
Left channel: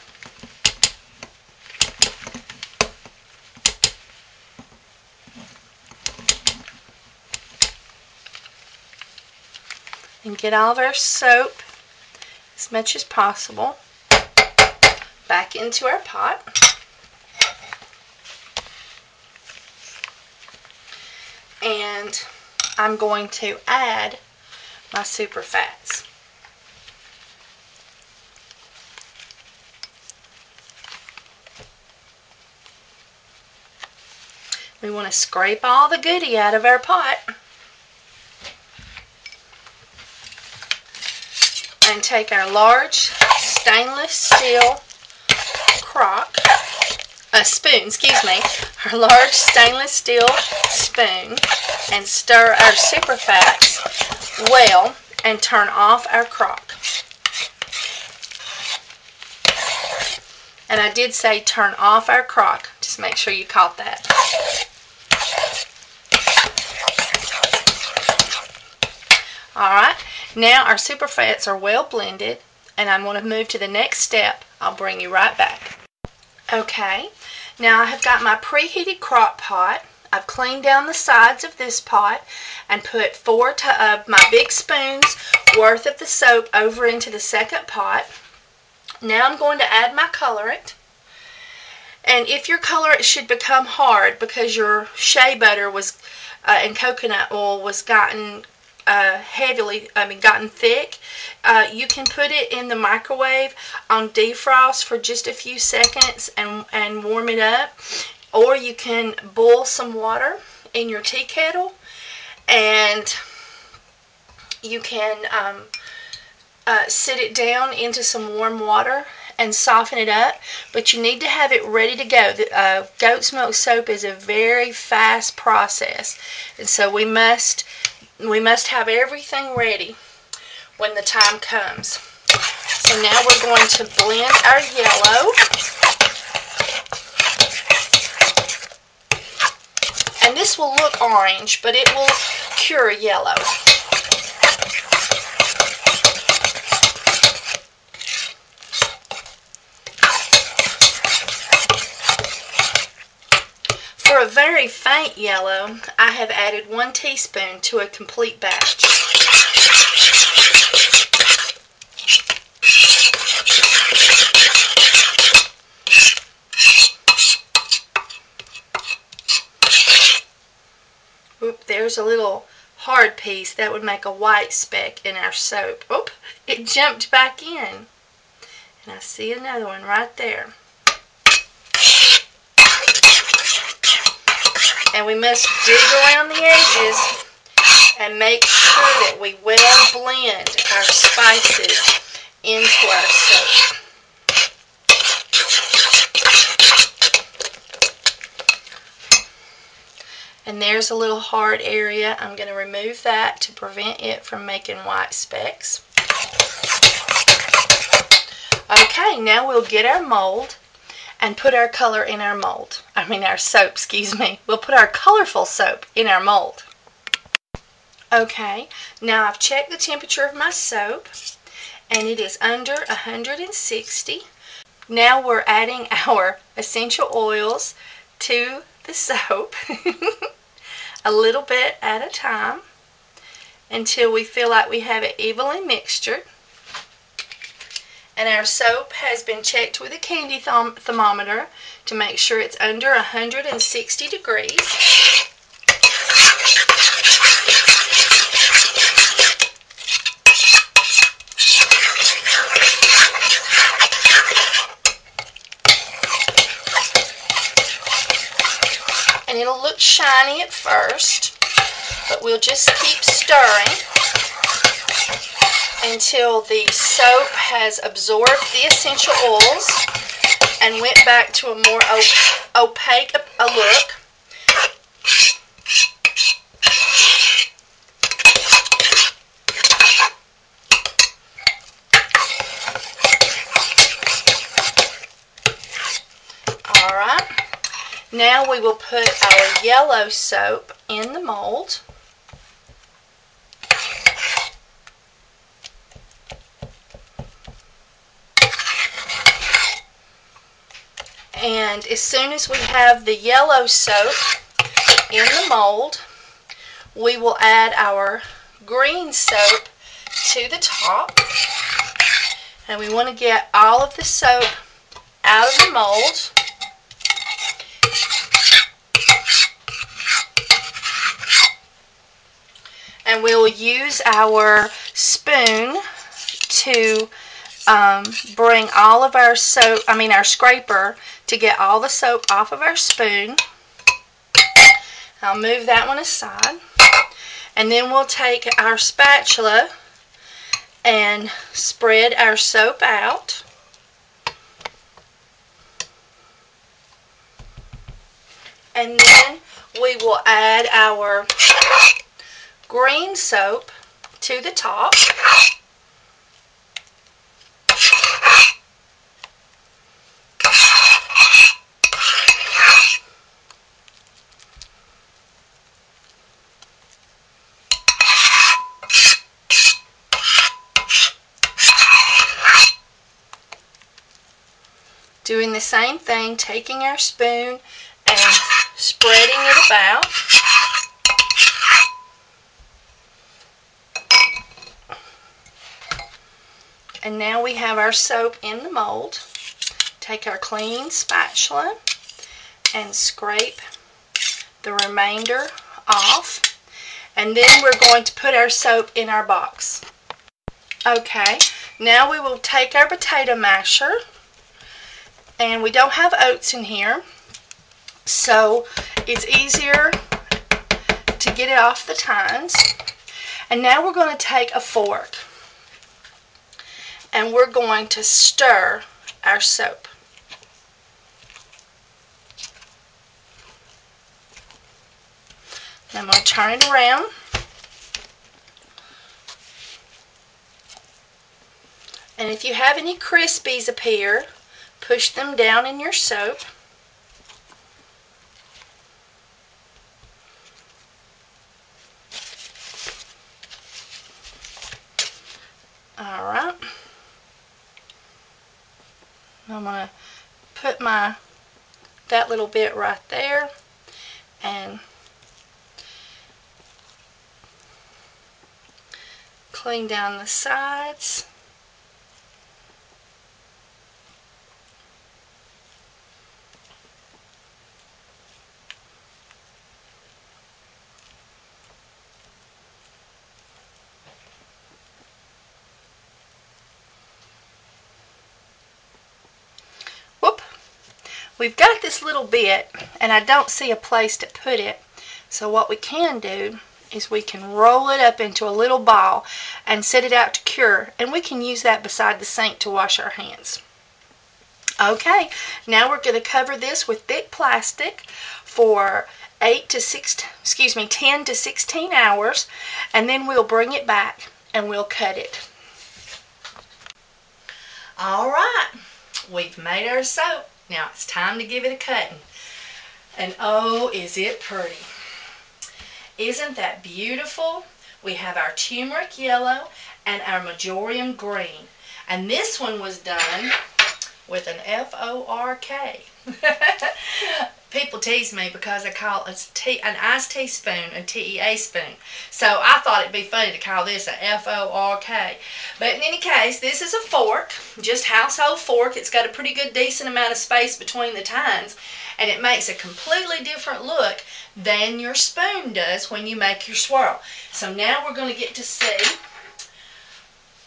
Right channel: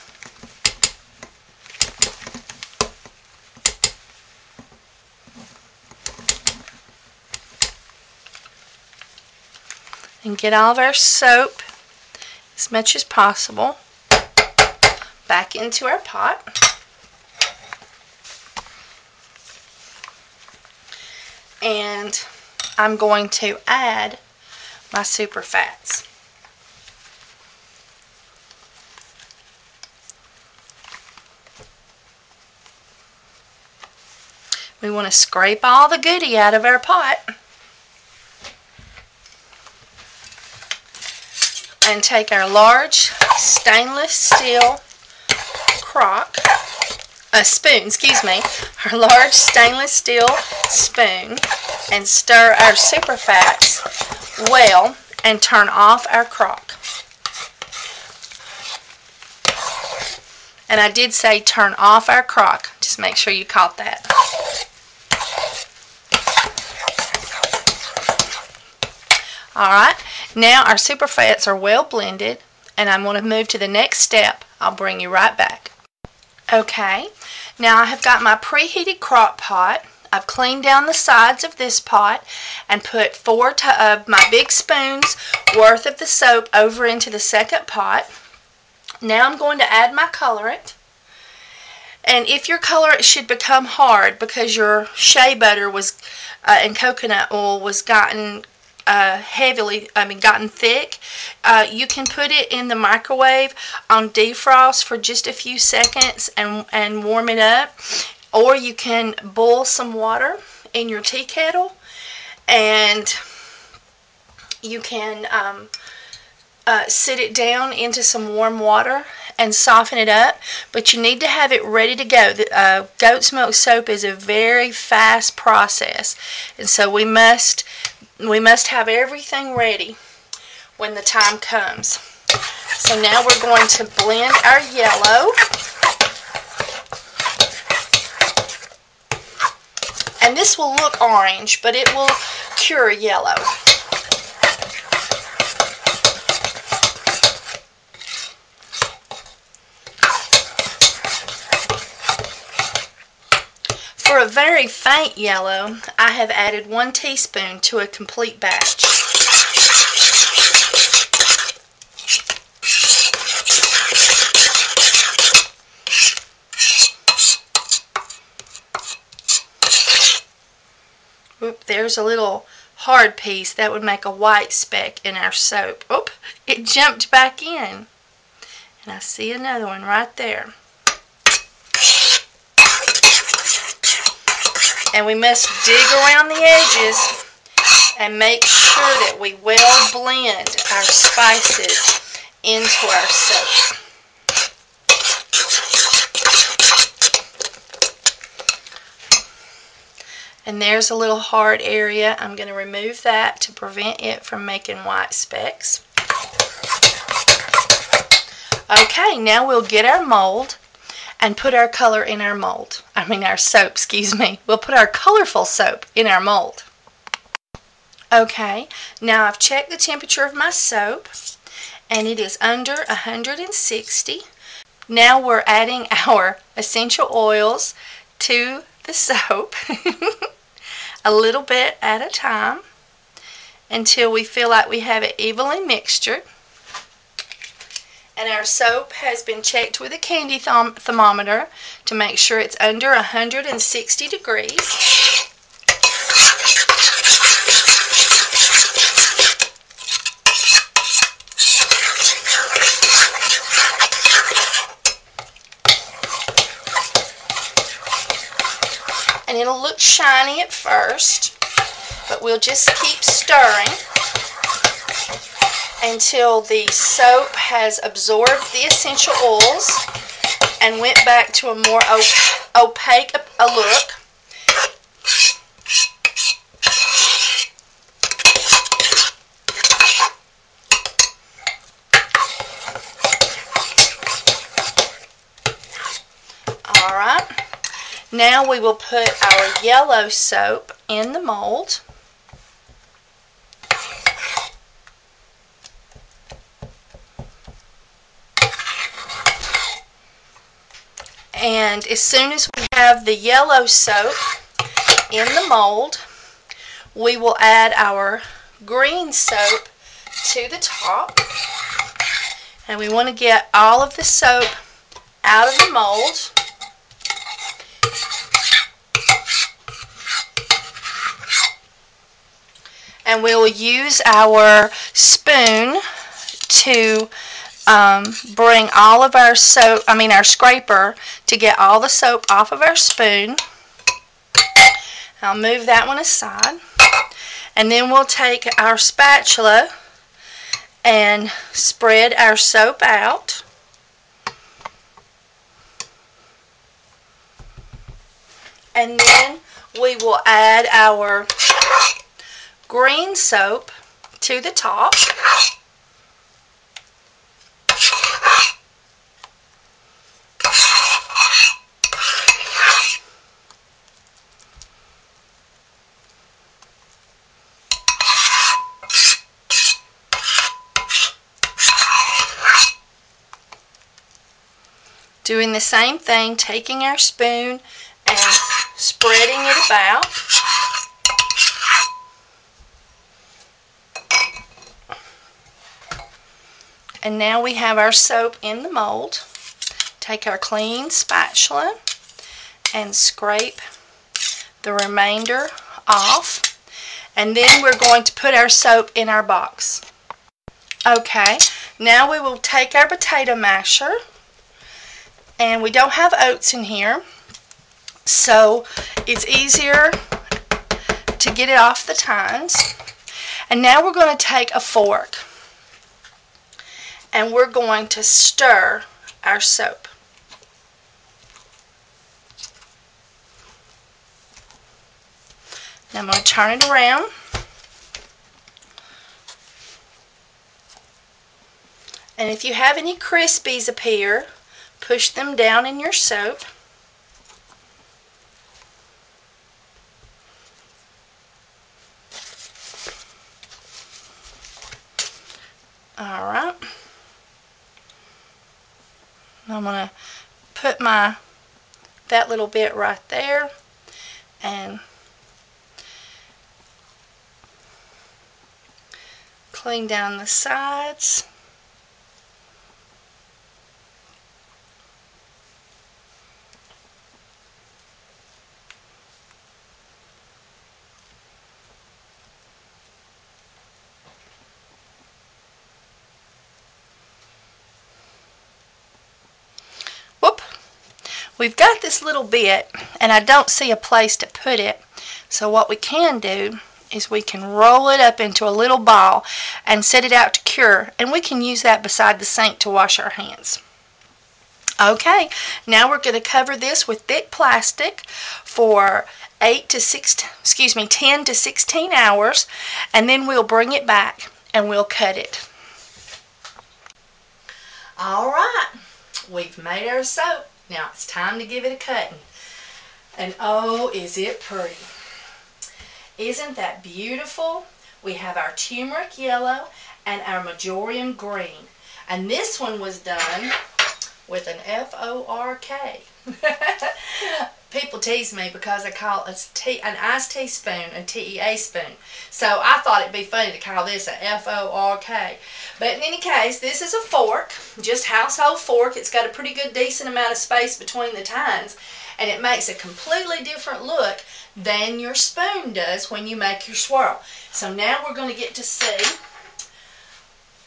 And get all of our soap, as much as possible, back into our pot. And I'm going to add my super fats. We want to scrape all the goodie out of our pot and take our large stainless steel spoon, excuse me, our large stainless steel spoon, and stir our super fats well and turn off our crock. And I did say turn off our crock, just make sure you caught that. Alright, now our super fats are well blended, and I'm going to move to the next step. I'll bring you right back. Okay, now I have got my preheated crock pot. I've cleaned down the sides of this pot and put 4 of my big spoons worth of the soap over into the second pot. Now I'm going to add my colorant. And if your colorant should become hard because your shea butter was and coconut oil was gotten gotten thick, you can put it in the microwave on defrost for just a few seconds and warm it up, or you can boil some water in your tea kettle and you can sit it down into some warm water and soften it up, but you need to have it ready to go. The goat's milk soap is a very fast process, and so we must have everything ready when the time comes. So now we're going to blend our yellow. And this will look orange, but it will cure yellow. For a very faint yellow, I have added 1 teaspoon to a complete batch. Oop, there's a little hard piece that would make a white speck in our soap. Oop, it jumped back in. And I see another one right there. And we must dig around the edges and make sure that we well blend our spices into our soap. And there's a little hard area. I'm going to remove that to prevent it from making white specks. Okay, now we'll get our mold and put our color in our mold. Our soap, excuse me. We'll put our colorful soap in our mold. Okay, now I've checked the temperature of my soap, and it is under 160. Now we're adding our essential oils to the soap, a little bit at a time, until we feel like we have it evenly mixtured. And our soap has been checked with a candy thermometer to make sure it's under 160 degrees. And it'll look shiny at first, but we'll just keep stirring until the soap has absorbed the essential oils and went back to a more opaque look. Alright, now we will put our yellow soap in the mold. And as soon as we have the yellow soap in the mold, we will add our green soap to the top. And we want to get all of the soap out of the mold. And we'll use our spoon to bring all of our soap, our scraper, to get all the soap off of our spoon. I'll move that one aside. And then we'll take our spatula and spread our soap out. And then we will add our green soap to the top. Doing the same thing, taking our spoon and spreading it about. And now we have our soap in the mold. Take our clean spatula and scrape the remainder off. And then we're going to put our soap in our box. Okay, now we will take our potato masher. And we don't have oats in here, so it's easier to get it off the tines. And now we're going to take a fork and we're going to stir our soap. Now I'm going to turn it around. And if you have any crispies appear, push them down in your soap. Alright. I'm going to put that little bit right there and clean down the sides. we've got this little bit, and I don't see a place to put it. So what we can do is we can roll it up into a little ball and set it out to cure, and we can use that beside the sink to wash our hands. Okay, now we're going to cover this with thick plastic for 10 to 16 hours, and then we'll bring it back and we'll cut it. Alright, we've made our soap. Now it's time to give it a cutting. And oh, is it pretty. Isn't that beautiful? We have our turmeric yellow and our marjoram green. And this one was done with an F-O-R-K. People tease me because I call an iced teaspoon a T-E-A spoon. So I thought it'd be funny to call this a F-O-R-K. But in any case, this is a fork, just household fork. It's got a pretty good decent amount of space between the tines, and it makes a completely different look than your spoon does when you make your swirl. So now we're going to get to see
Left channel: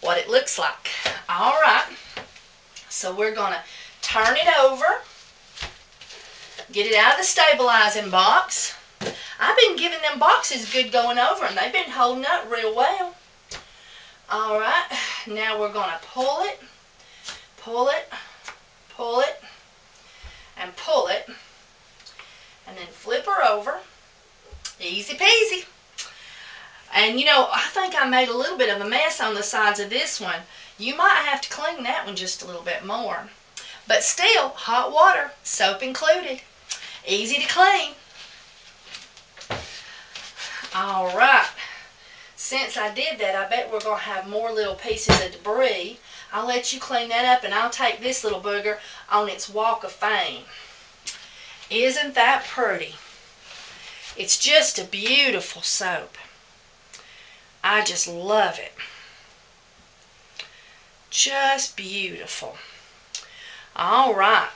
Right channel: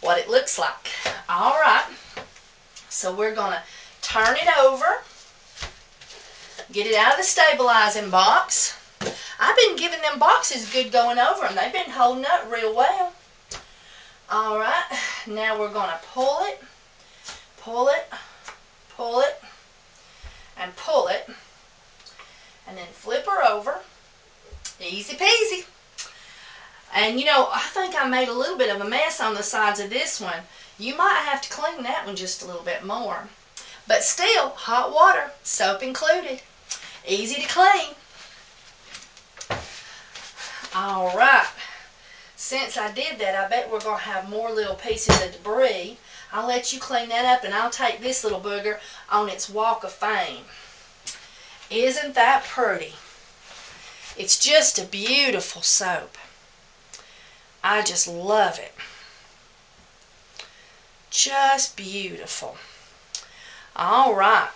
what it looks like. Alright, so we're going to turn it over, get it out of the stabilizing box. I've been giving them boxes good going over, and they've been holding up real well. Alright, now we're going to pull it, pull it, pull it, and pull it, and then flip her over. Easy peasy. And you know, I think I made a little bit of a mess on the sides of this one. You might have to clean that one just a little bit more. But still, hot water, soap included. Easy to clean. Alright. Since I did that, I bet we're going to have more little pieces of debris. I'll let you clean that up, and I'll take this little booger on its walk of fame. Isn't that pretty? It's just a beautiful soap. I just love it. Just beautiful. Alright.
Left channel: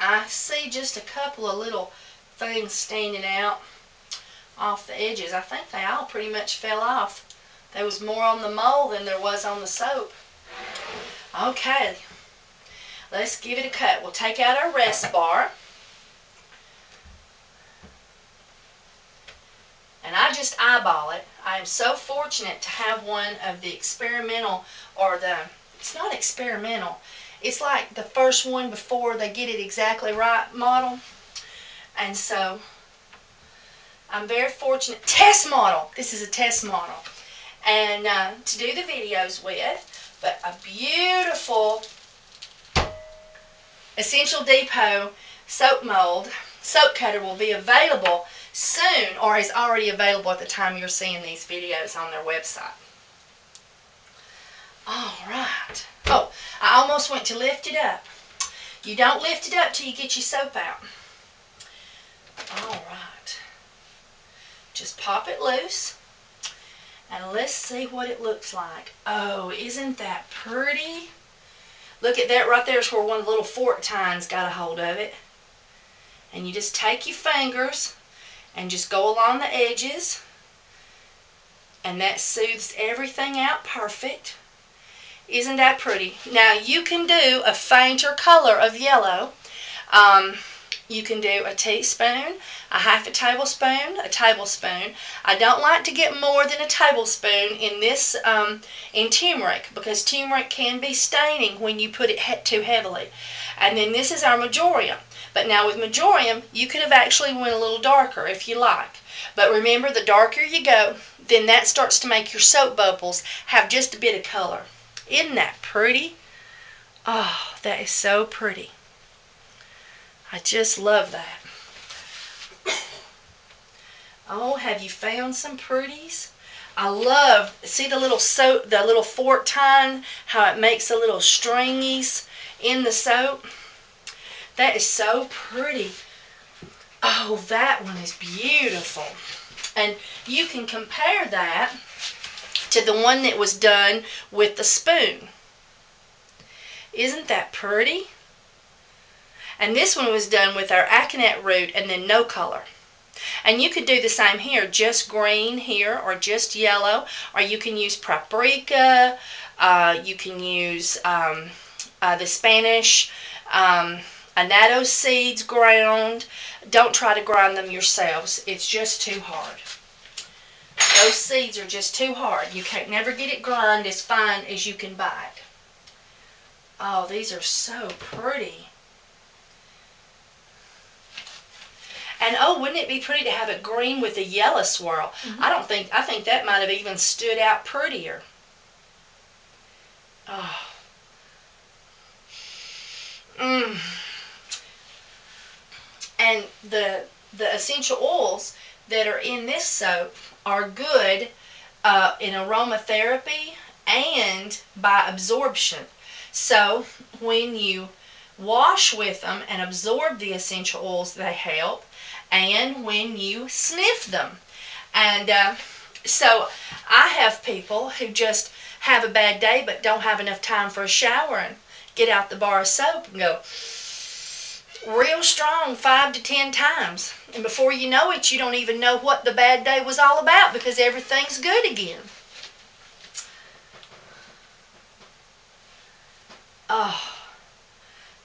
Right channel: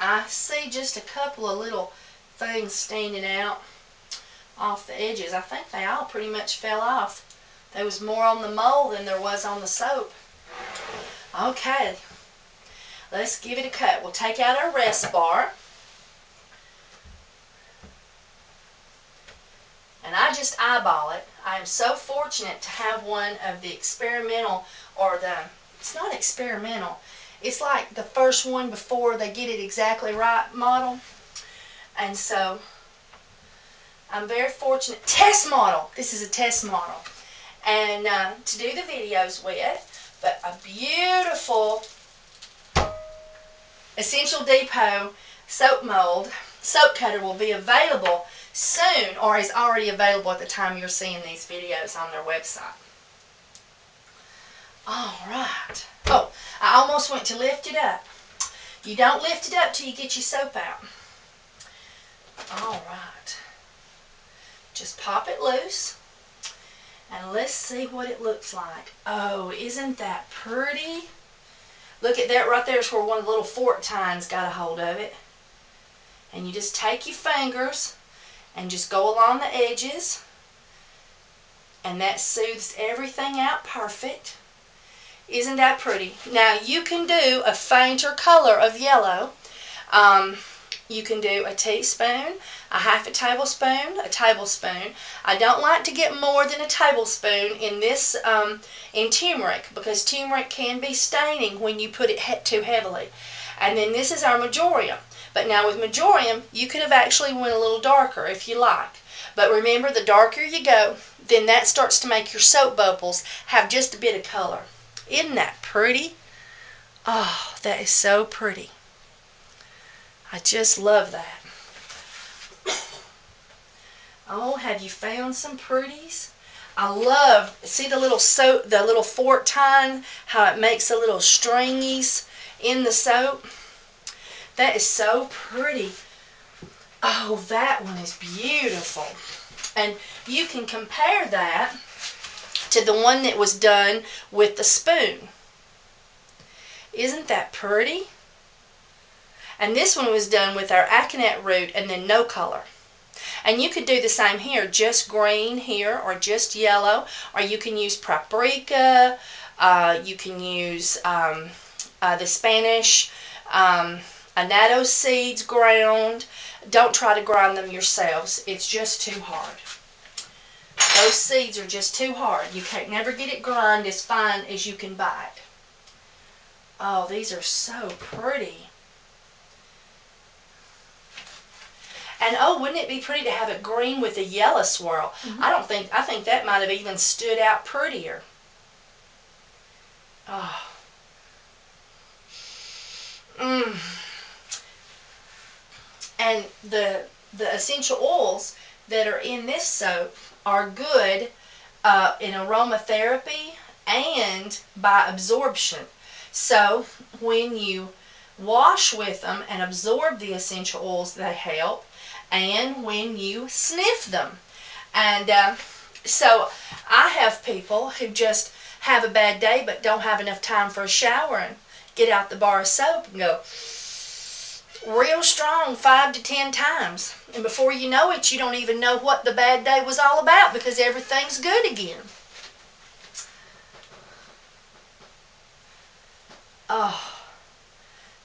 I see just a couple of little things standing out off the edges. I think they all pretty much fell off. There was more on the mold than there was on the soap. Okay. Let's give it a cut. We'll take out our rest bar. And I just eyeball it. I am so fortunate to have one of the experimental, or it's not experimental, it's like the first one before they get it exactly right model. And so I'm very fortunate. Test model. This is a test model. And to do the videos with. But a beautiful Essential Depot soap mold, soap cutter will be available soon, or is already available at the time you're seeing these videos on their website. Alright. Oh, I almost went to lift it up. You don't lift it up till you get your soap out. Alright. Just pop it loose. And let's see what it looks like. Oh, isn't that pretty? Look at that right there. Is where one of the little fork tines got a hold of it. And you just take your fingers and just go along the edges. And that soothes everything out perfect. Isn't that pretty? Now you can do a fainter color of yellow. You can do a teaspoon, a half a tablespoon, a tablespoon. I don't like to get more than a tablespoon in this in turmeric, because turmeric can be staining when you put it too heavily. And then this is our marjoram. But now with marjoram, you could have actually went a little darker if you like. But remember, the darker you go, then that starts to make your soap bubbles have just a bit of color. Isn't that pretty? Oh, that is so pretty. I just love that. Oh, have you found some pretties? I love, see the little soap, the little fork tine, how it makes the little stringies in the soap? That is so pretty. Oh, that one is beautiful. And you can compare that to the one that was done with the spoon. Isn't that pretty? And this one was done with our aconite root and then no color. And you could do the same here, just green here or just yellow, or you can use paprika, you can use the Spanish annatto seeds ground. Don't try to grind them yourselves. It's just too hard. Those seeds are just too hard. You can't never get it grind as fine as you can buy it. Oh, these are so pretty. And oh, wouldn't it be pretty to have it green with a yellow swirl? I think that might have even stood out prettier. Oh. And the essential oils that are in this soap are good in aromatherapy and by absorption. So when you wash with them and absorb the essential oils, they help. And when you sniff them. And so I have people who just have a bad day but don't have enough time for a shower and get out the bar of soap and go real strong 5 to 10 times. And before you know it, you don't even know what the bad day was all about because everything's good again. Oh,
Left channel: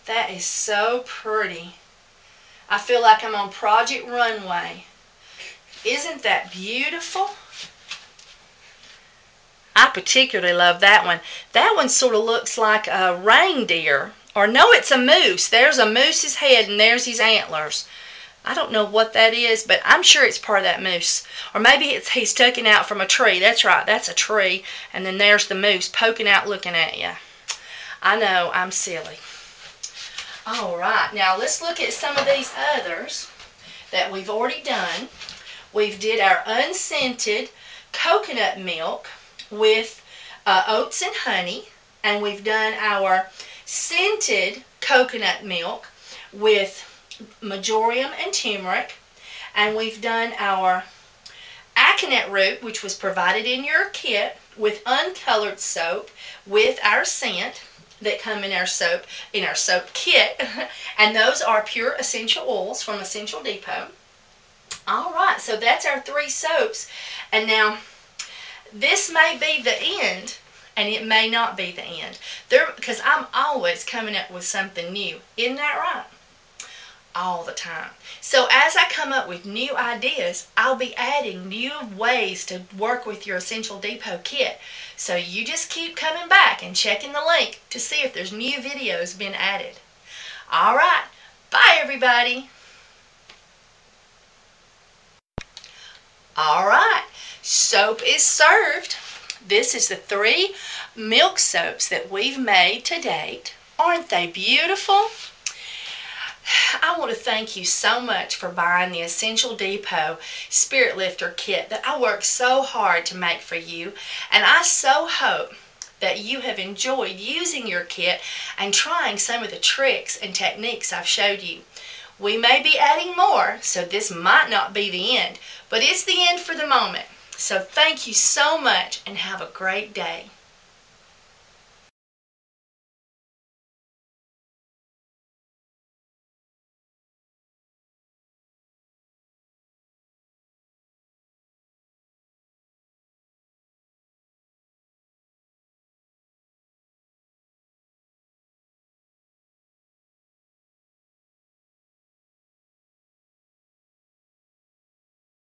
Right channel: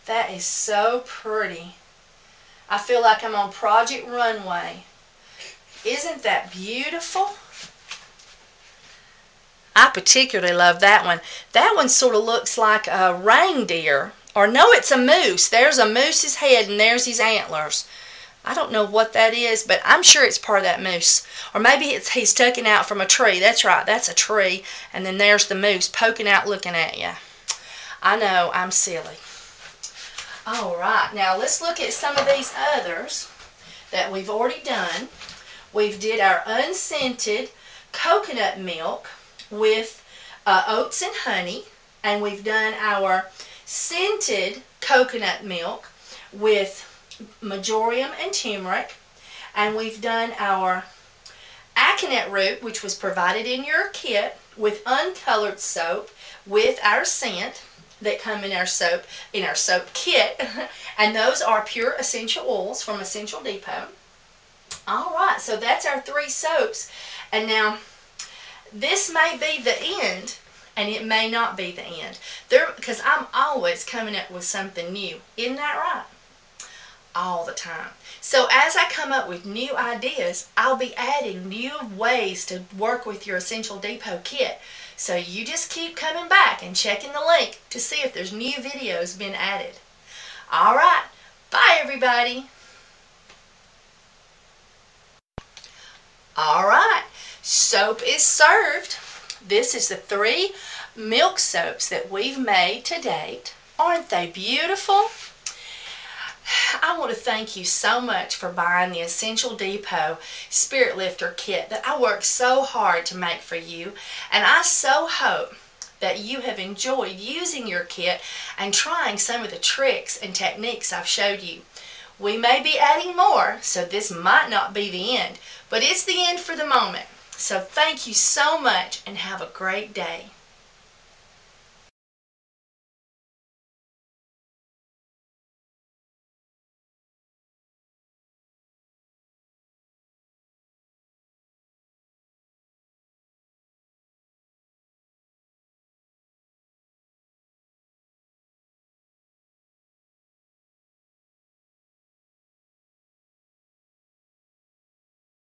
that is so pretty. I feel like I'm on Project Runway. Isn't that beautiful? I particularly love that one. That one sort of looks like a reindeer. Or no, it's a moose. There's a moose's head and there's his antlers. I don't know what that is, but I'm sure it's part of that moose. Or maybe he's tucking out from a tree. That's right, that's a tree. And then there's the moose poking out looking at you. I know, I'm silly. Alright, now let's look at some of these others that we've already done. We've did our unscented coconut milk with oats and honey. And we've done our scented coconut milk with marjoram and turmeric. And we've done our aconite root, which was provided in your kit, with uncolored soap with our scent that come in our soap kit. And those are pure essential oils from Essential Depot. Alright, so that's our 3 soaps. And now, this may be the end, and it may not be the end. Because I'm always coming up with something new. Isn't that right? All the time. So as I come up with new ideas, I'll be adding new ways to work with your Essential Depot kit. So you just keep coming back and checking the link to see if there's new videos been added. Alright, bye everybody. Alright, soap is served. This is the 3 milk soaps that we've made to date. Aren't they beautiful? I want to thank you so much for buying the Essential Depot Spirit Lifter kit that I worked so hard to make for you. And I so hope that you have enjoyed using your kit and trying some of the tricks and techniques I've showed you. We may be adding more, so this might not be the end, but it's the end for the moment. So thank you so much and have a great day.